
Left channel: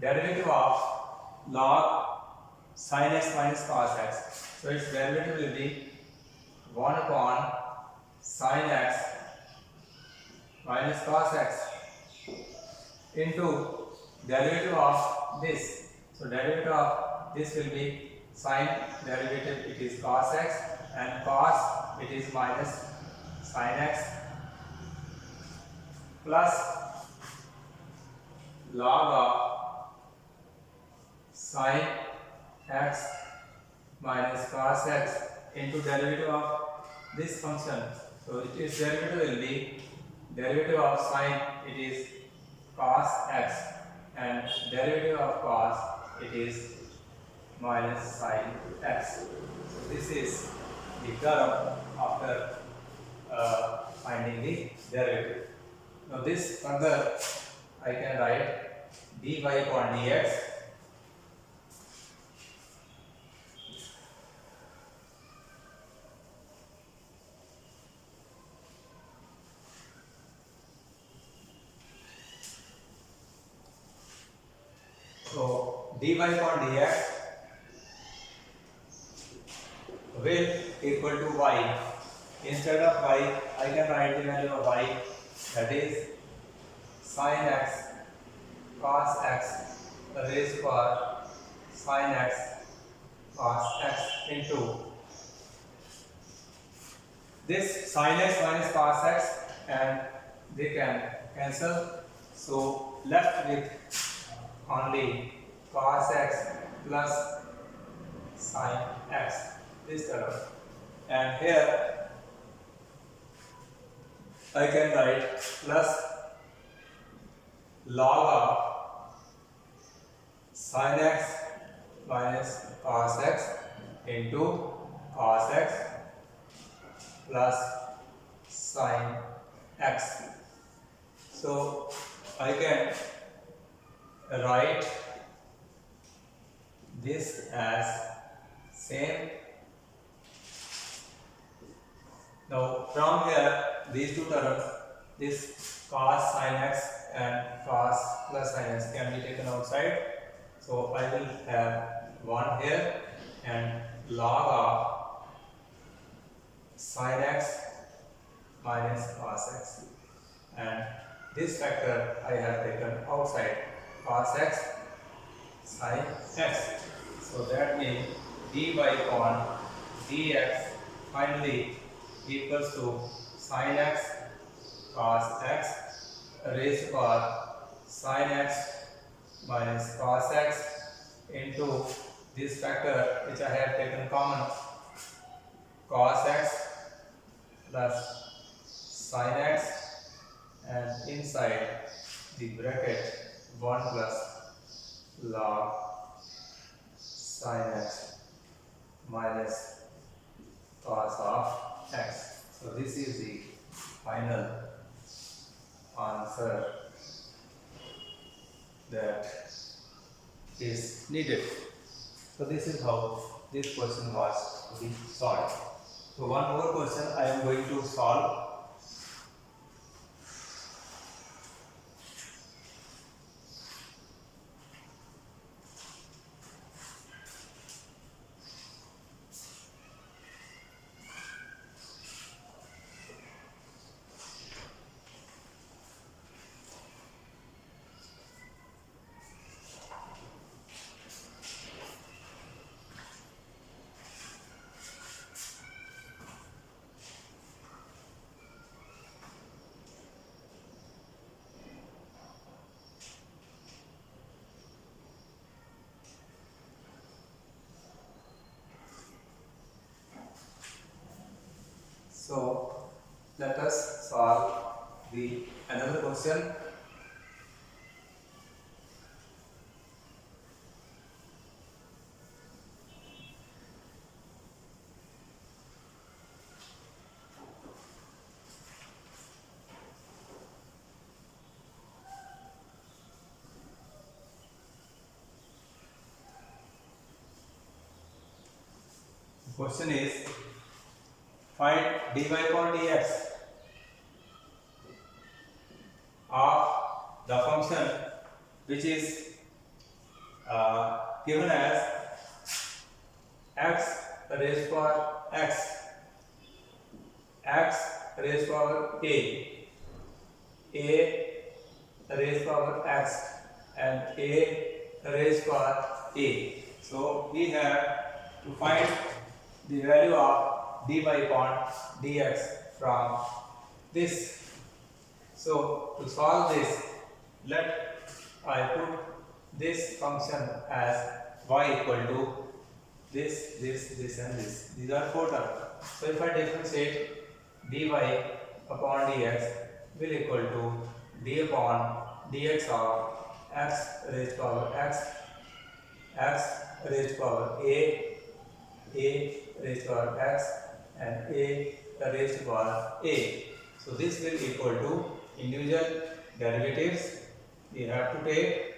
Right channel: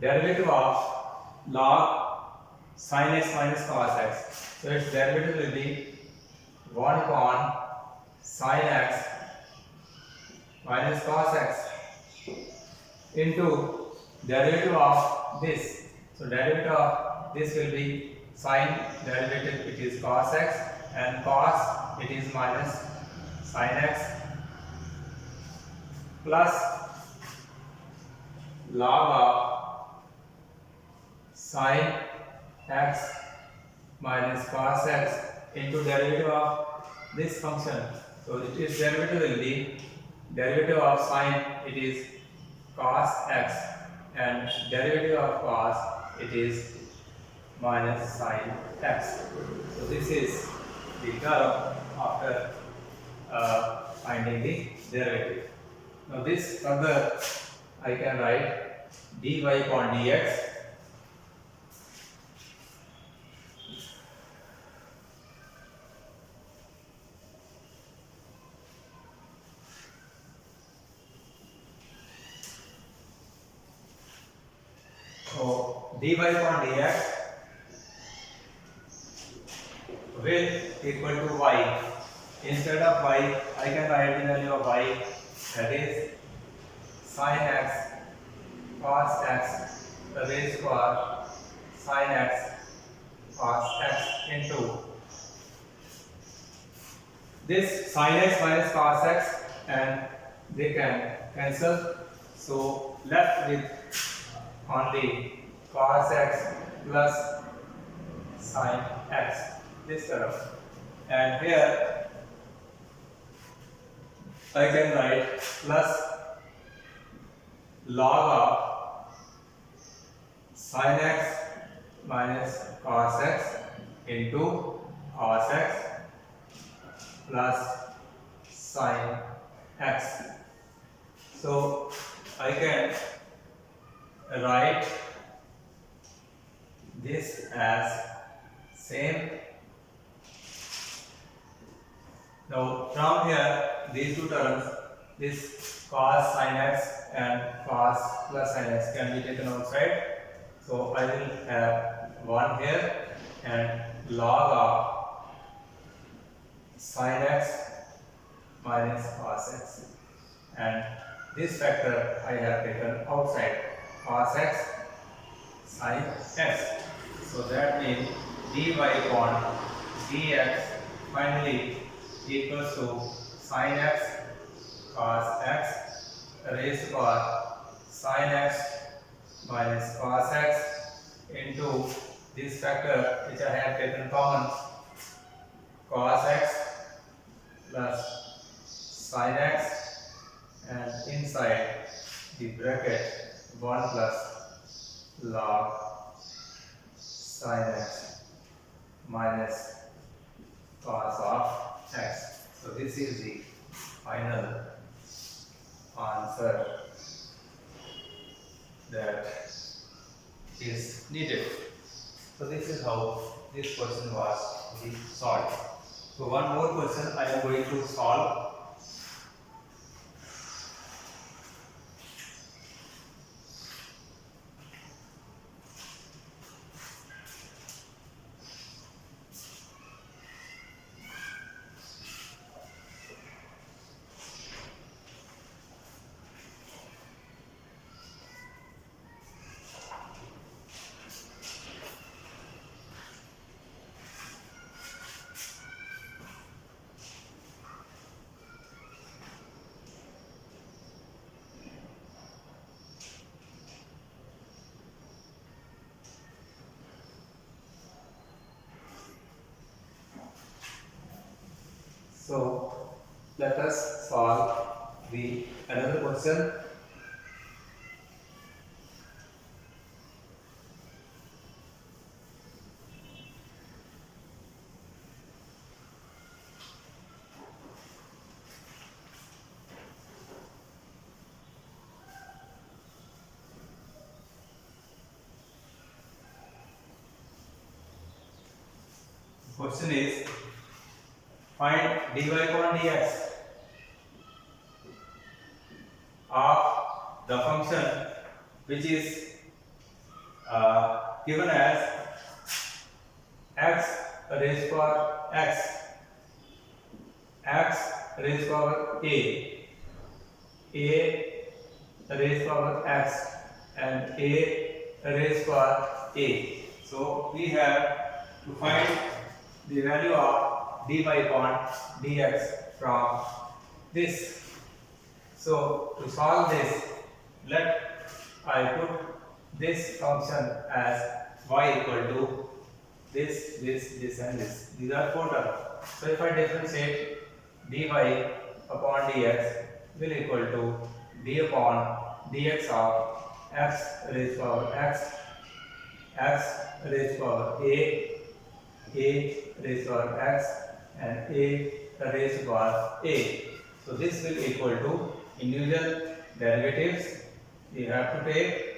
derivative of log sin x minus cos x. So its derivative will be 1 upon sin x minus cos x into derivative of this. So derivative of this will be sin derivative, it is cos x, and cos it is minus sin x, plus log of sin x minus cos x into derivative of this function. So its derivative will be derivative of sin, it is cos x, and derivative of cos it is minus sin x. So this is the term after finding the derivative. Now this further I can write dy upon dx so dy upon dx will equal to y. Instead of y, I can write the value of y, that is sin x cos x raised to power sin x cos x into this sin x minus cos x, and they can cancel. So left with only cos x plus sin x, this term, and here I can write plus log of sin x minus cos x into cos x plus sin x. So I can write this as same. Now from here these two terms, this cos sin x and cos plus sin x, can be taken outside. So I will have 1 here and log of sin x minus cos x, and this factor I have taken outside, cos x sin x. So that means dy upon dx finally equals to sin x cos x raised to power sin x minus cos x into this factor which I have taken common, cos x plus sin x, and inside the bracket 1 plus log sin x minus cos of x. So this is the final answer that is needed. So this is how this question was to be solved. So one more question I am going to solve. So let us solve the another question. The question is, find dy upon dx of the function which is given as x raised to power x, x raised to power a raised to power x, and a raised to power a. So we have to find the value of dy upon dx from this. So to solve this, let I put this function as y equal to this, and this. These are 4 terms. So if I differentiate dy upon dx will equal to d upon dx of x raised to power x, x raised to power a raised to power x, and a raised to power a. So this will equal to individual derivatives we have to take.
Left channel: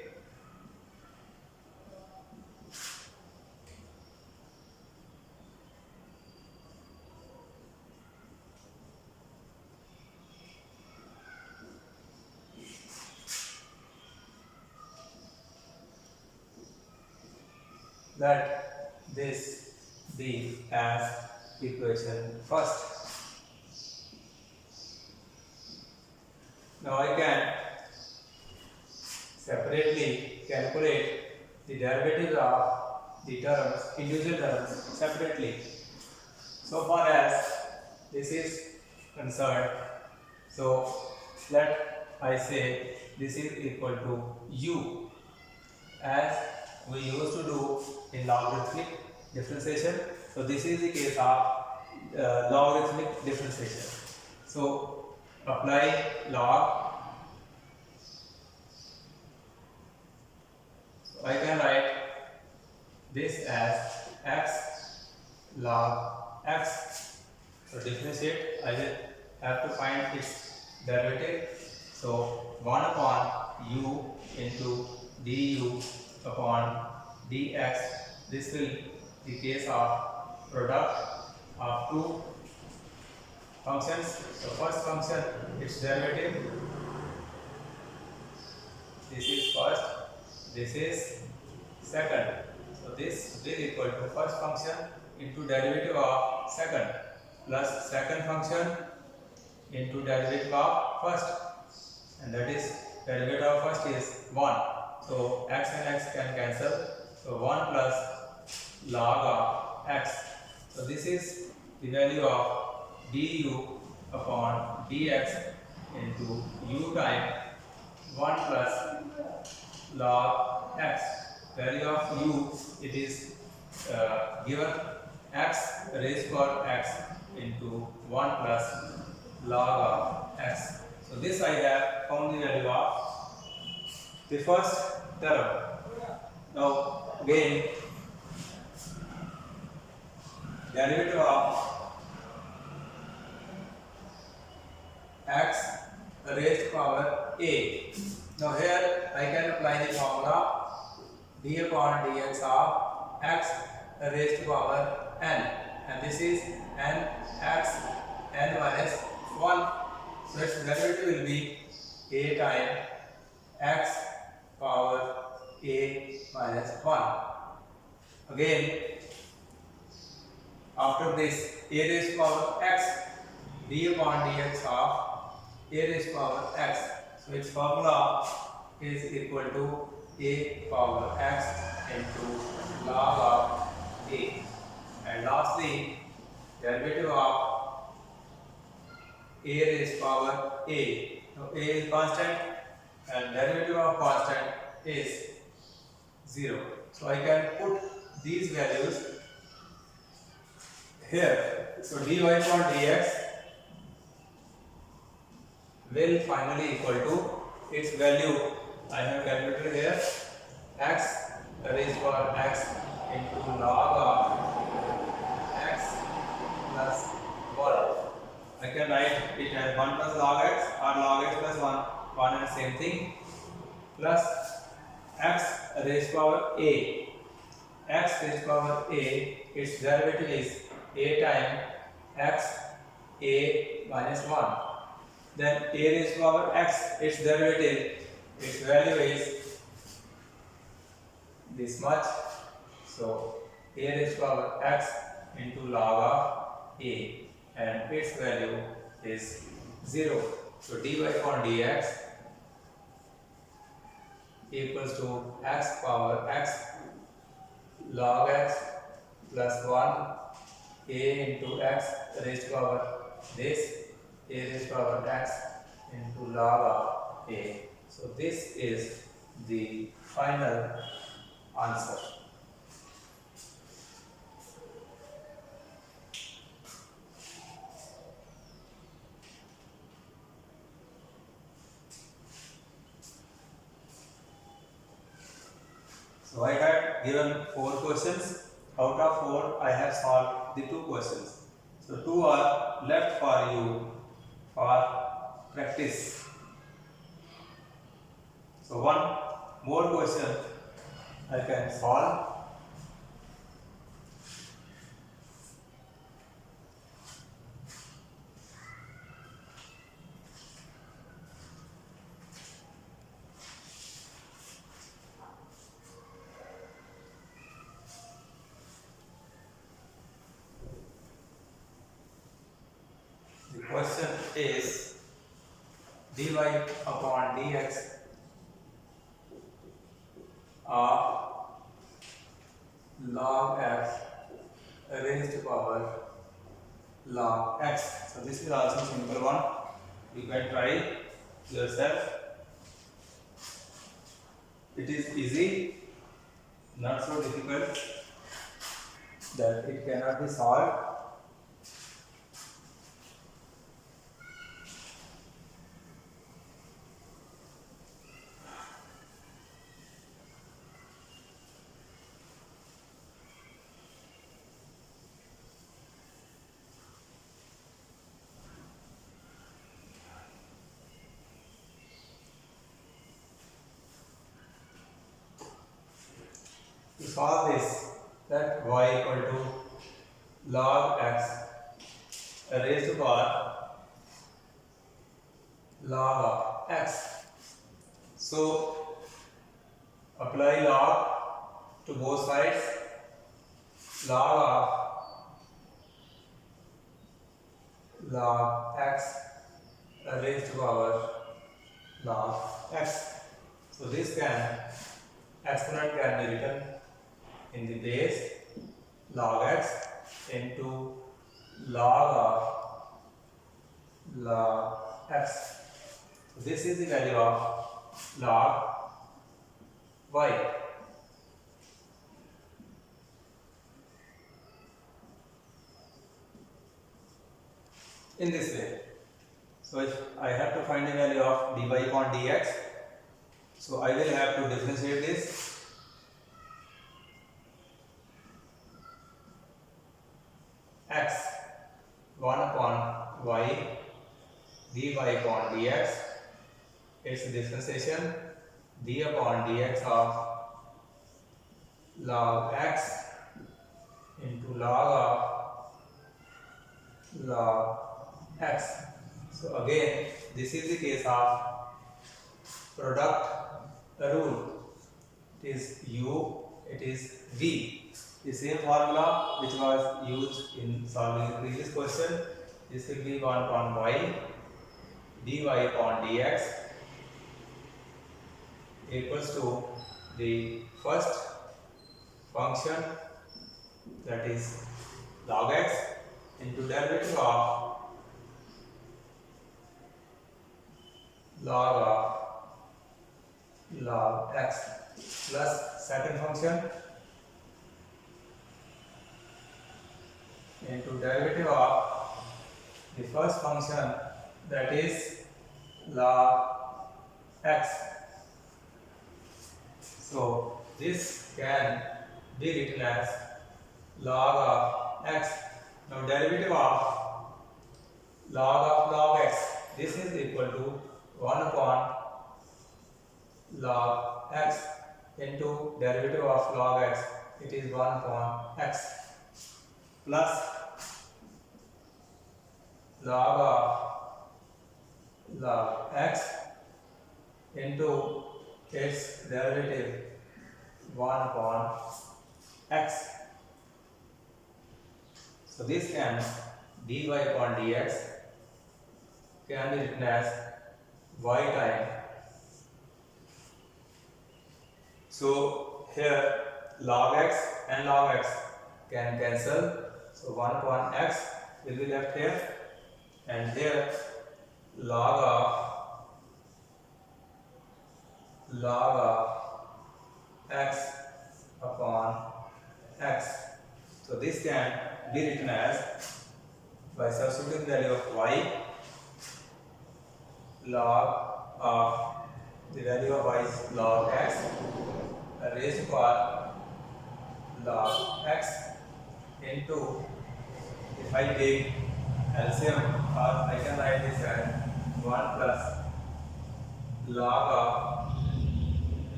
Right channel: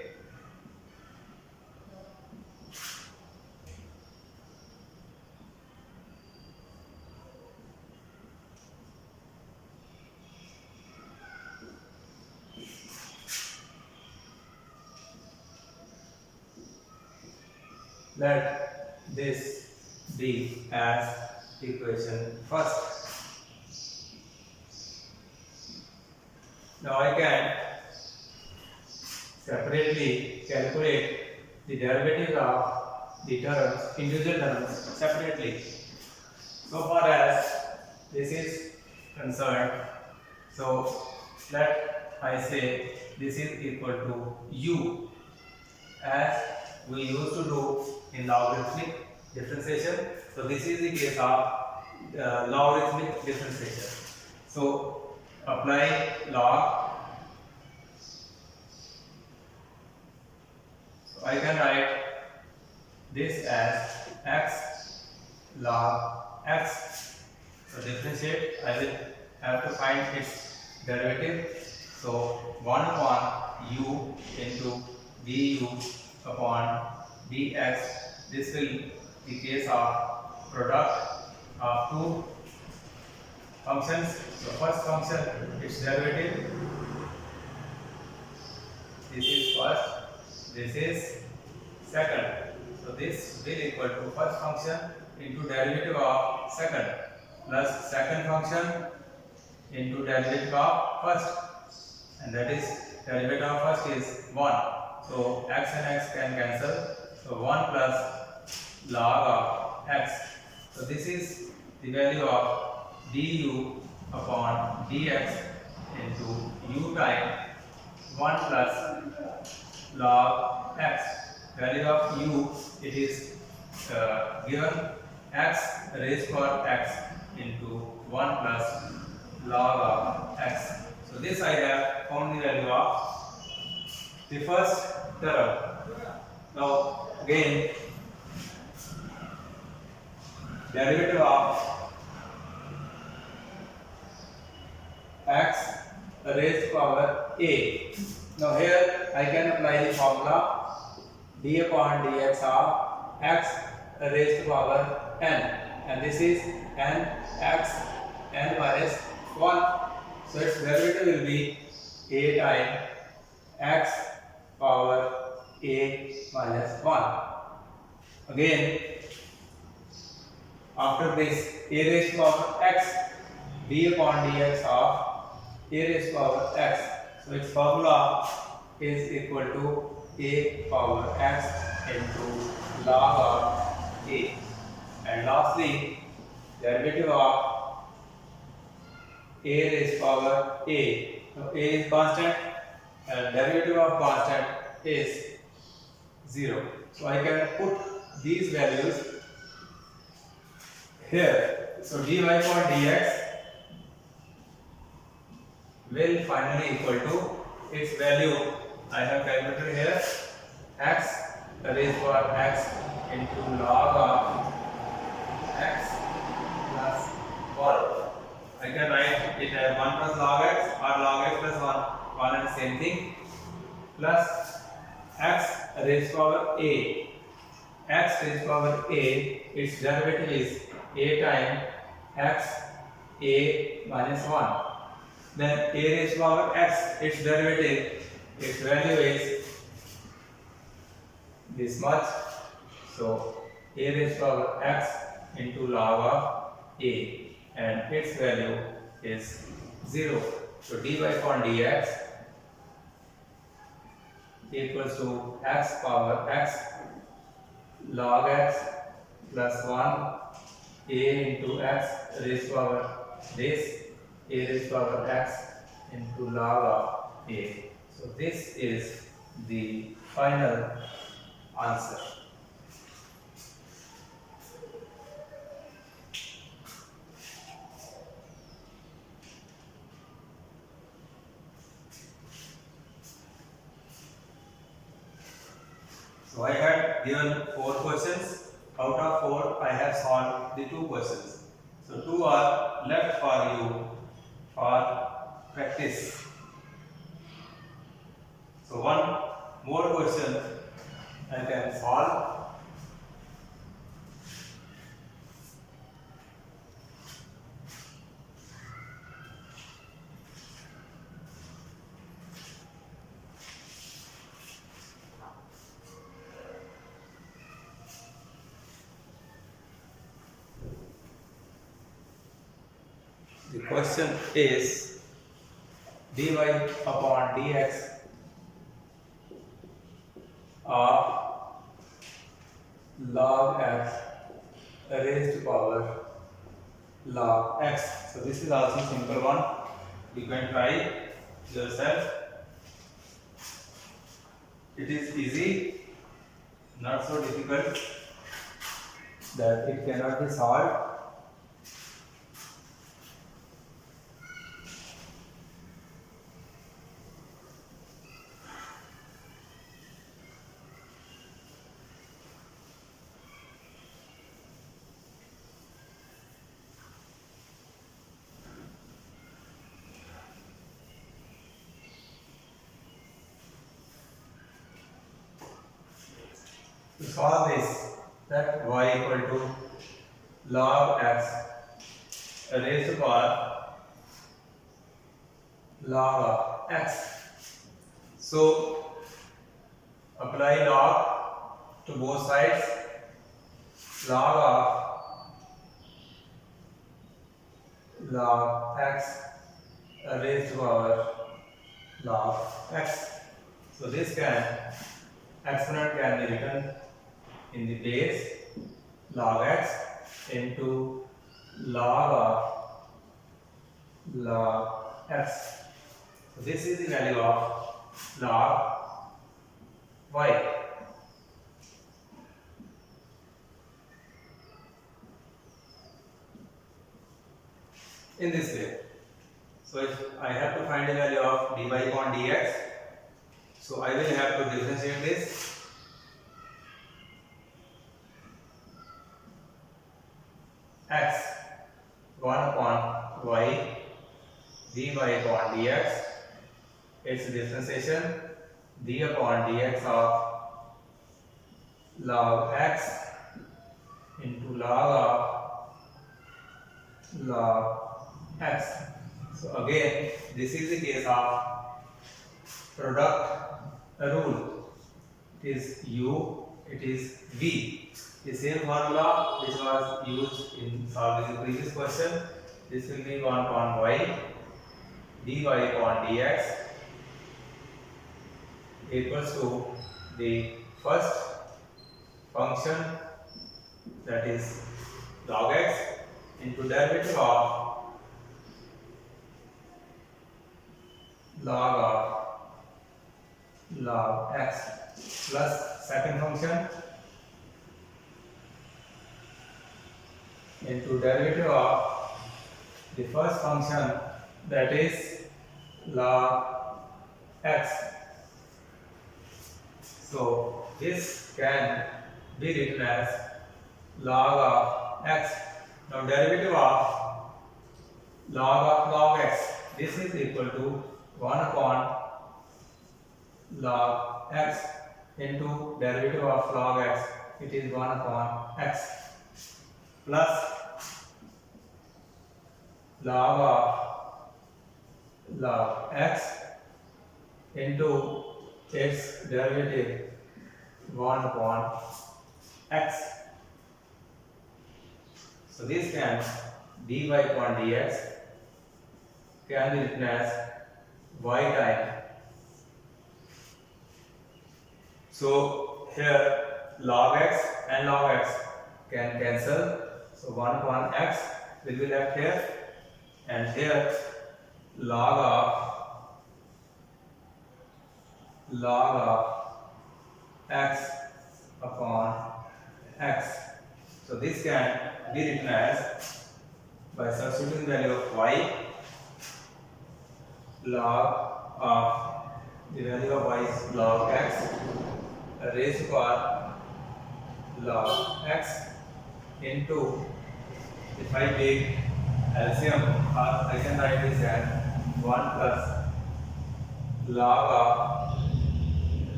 Let this be as equation first. Now I can separately calculate the derivatives of the terms, individual terms separately. So far as this is concerned, so let I say this is equal to u, as we used to do in logarithmic differentiation. So this is the case of logarithmic differentiation. So apply log. So I can write this as x log x. So differentiate, I will have to find its derivative. So 1 upon u into du upon dx. This will be the case of product of two functions. So first function, its derivative. This is first, this is second. So this will equal to first function into derivative of second plus second function into derivative of first, and that is derivative of first is 1. So x and x can cancel. So 1 plus log of x. So this is the value of du upon dx into u time 1 plus log x. Value of u, it is given x raised to power x into 1 plus log of x. So this I have found the value of the first term. Now again, derivative of x raised to power a. Now here I can apply the formula d upon dx of x raised to power n, and this is n x n minus 1. So its derivative will be a times x power a minus 1. Again, after this, a raised to power x, d upon dx of a raised to power x. So its formula is equal to a power x into log of a. And lastly, derivative of a raised to power a. Now a is constant and derivative of constant is 0. So I can put these values here. So dy upon dx will finally equal to its value I have calculated here, x raised to power x into log of x plus 1. I can write it as 1 plus log x or log x plus 1 and same thing, plus x raised to power a. X raised to power a, its derivative is a times x a minus 1. Then a raised to power x, its derivative, its value is this much. So a raised to power x into log of a, and its value is 0. So dy upon dx equals to x power x log x plus 1 a into x raised to power this a raised to power x into log of a. So this is the final answer. So I had given 4 questions. Out of 4, I have solved the 2 questions. So 2 are left for you for practice. So one more question I can solve. The question is dy upon dx of log x raised to power log x. So this is also simple one. You can try yourself. It is easy, not so difficult that it cannot be solved. To solve this, that y equal to log x raised to power log of x. So apply log to both sides. Log x raised to power log x. So this exponent can be written in the base log x into log of log x. So this is the value of log y. In this way. So if I have to find the value of dy upon dx, so I will have to differentiate this. X 1 upon y dy upon dx, its differentiation d upon dx of log x into log of log x. So again, this is the case of product rule. It is u, it is v. The same formula which was used in solving the previous question. This will be 1 upon y dy upon dx equals to the first function, that is log x, into derivative of log x plus second function into derivative of the first function, that is log x. So this can be written as log of x. Now derivative of log x, this is equal to 1 upon log x into derivative of log x, it is 1 upon x, plus log x into its derivative, 1 upon x. So this can dy upon dx can be written as y time. So here log x and log x can cancel. So 1 upon x will be left here, and here log of x upon x. So this can be written as, by substituting the value of y, log of the value of y is log x raised to power log x into, if I take LCM, or I can write this as 1 plus log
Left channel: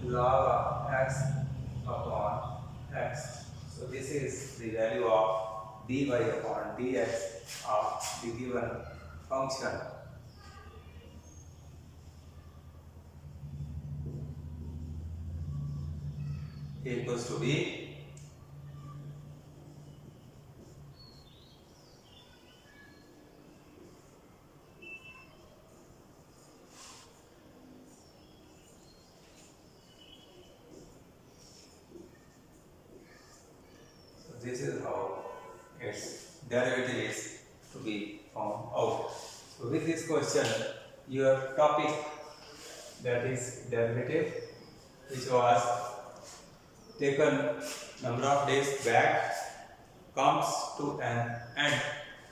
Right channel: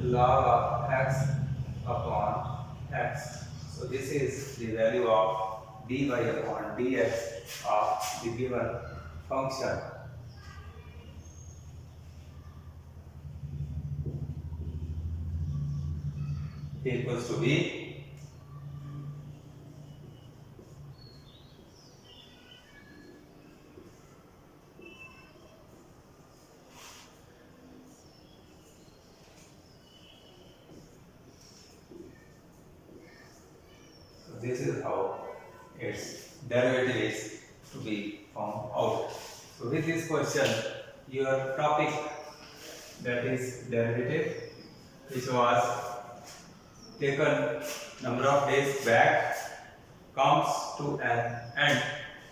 of x upon x. So this is the value of dy upon dx of the given function. A equals to b. This is how its derivative is to be found out. So with this question, your topic, that is derivative, which was taken number of days back, comes to an end.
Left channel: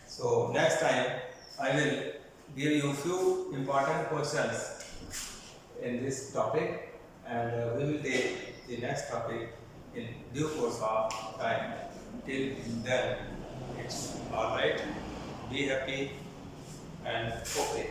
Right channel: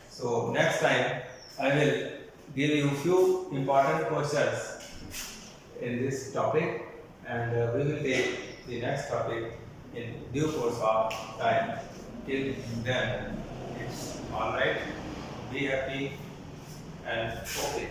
So next time I will give you few important questions in this topic, and we will take the next topic in due course of time. Till then, it's all right. Be happy and okay.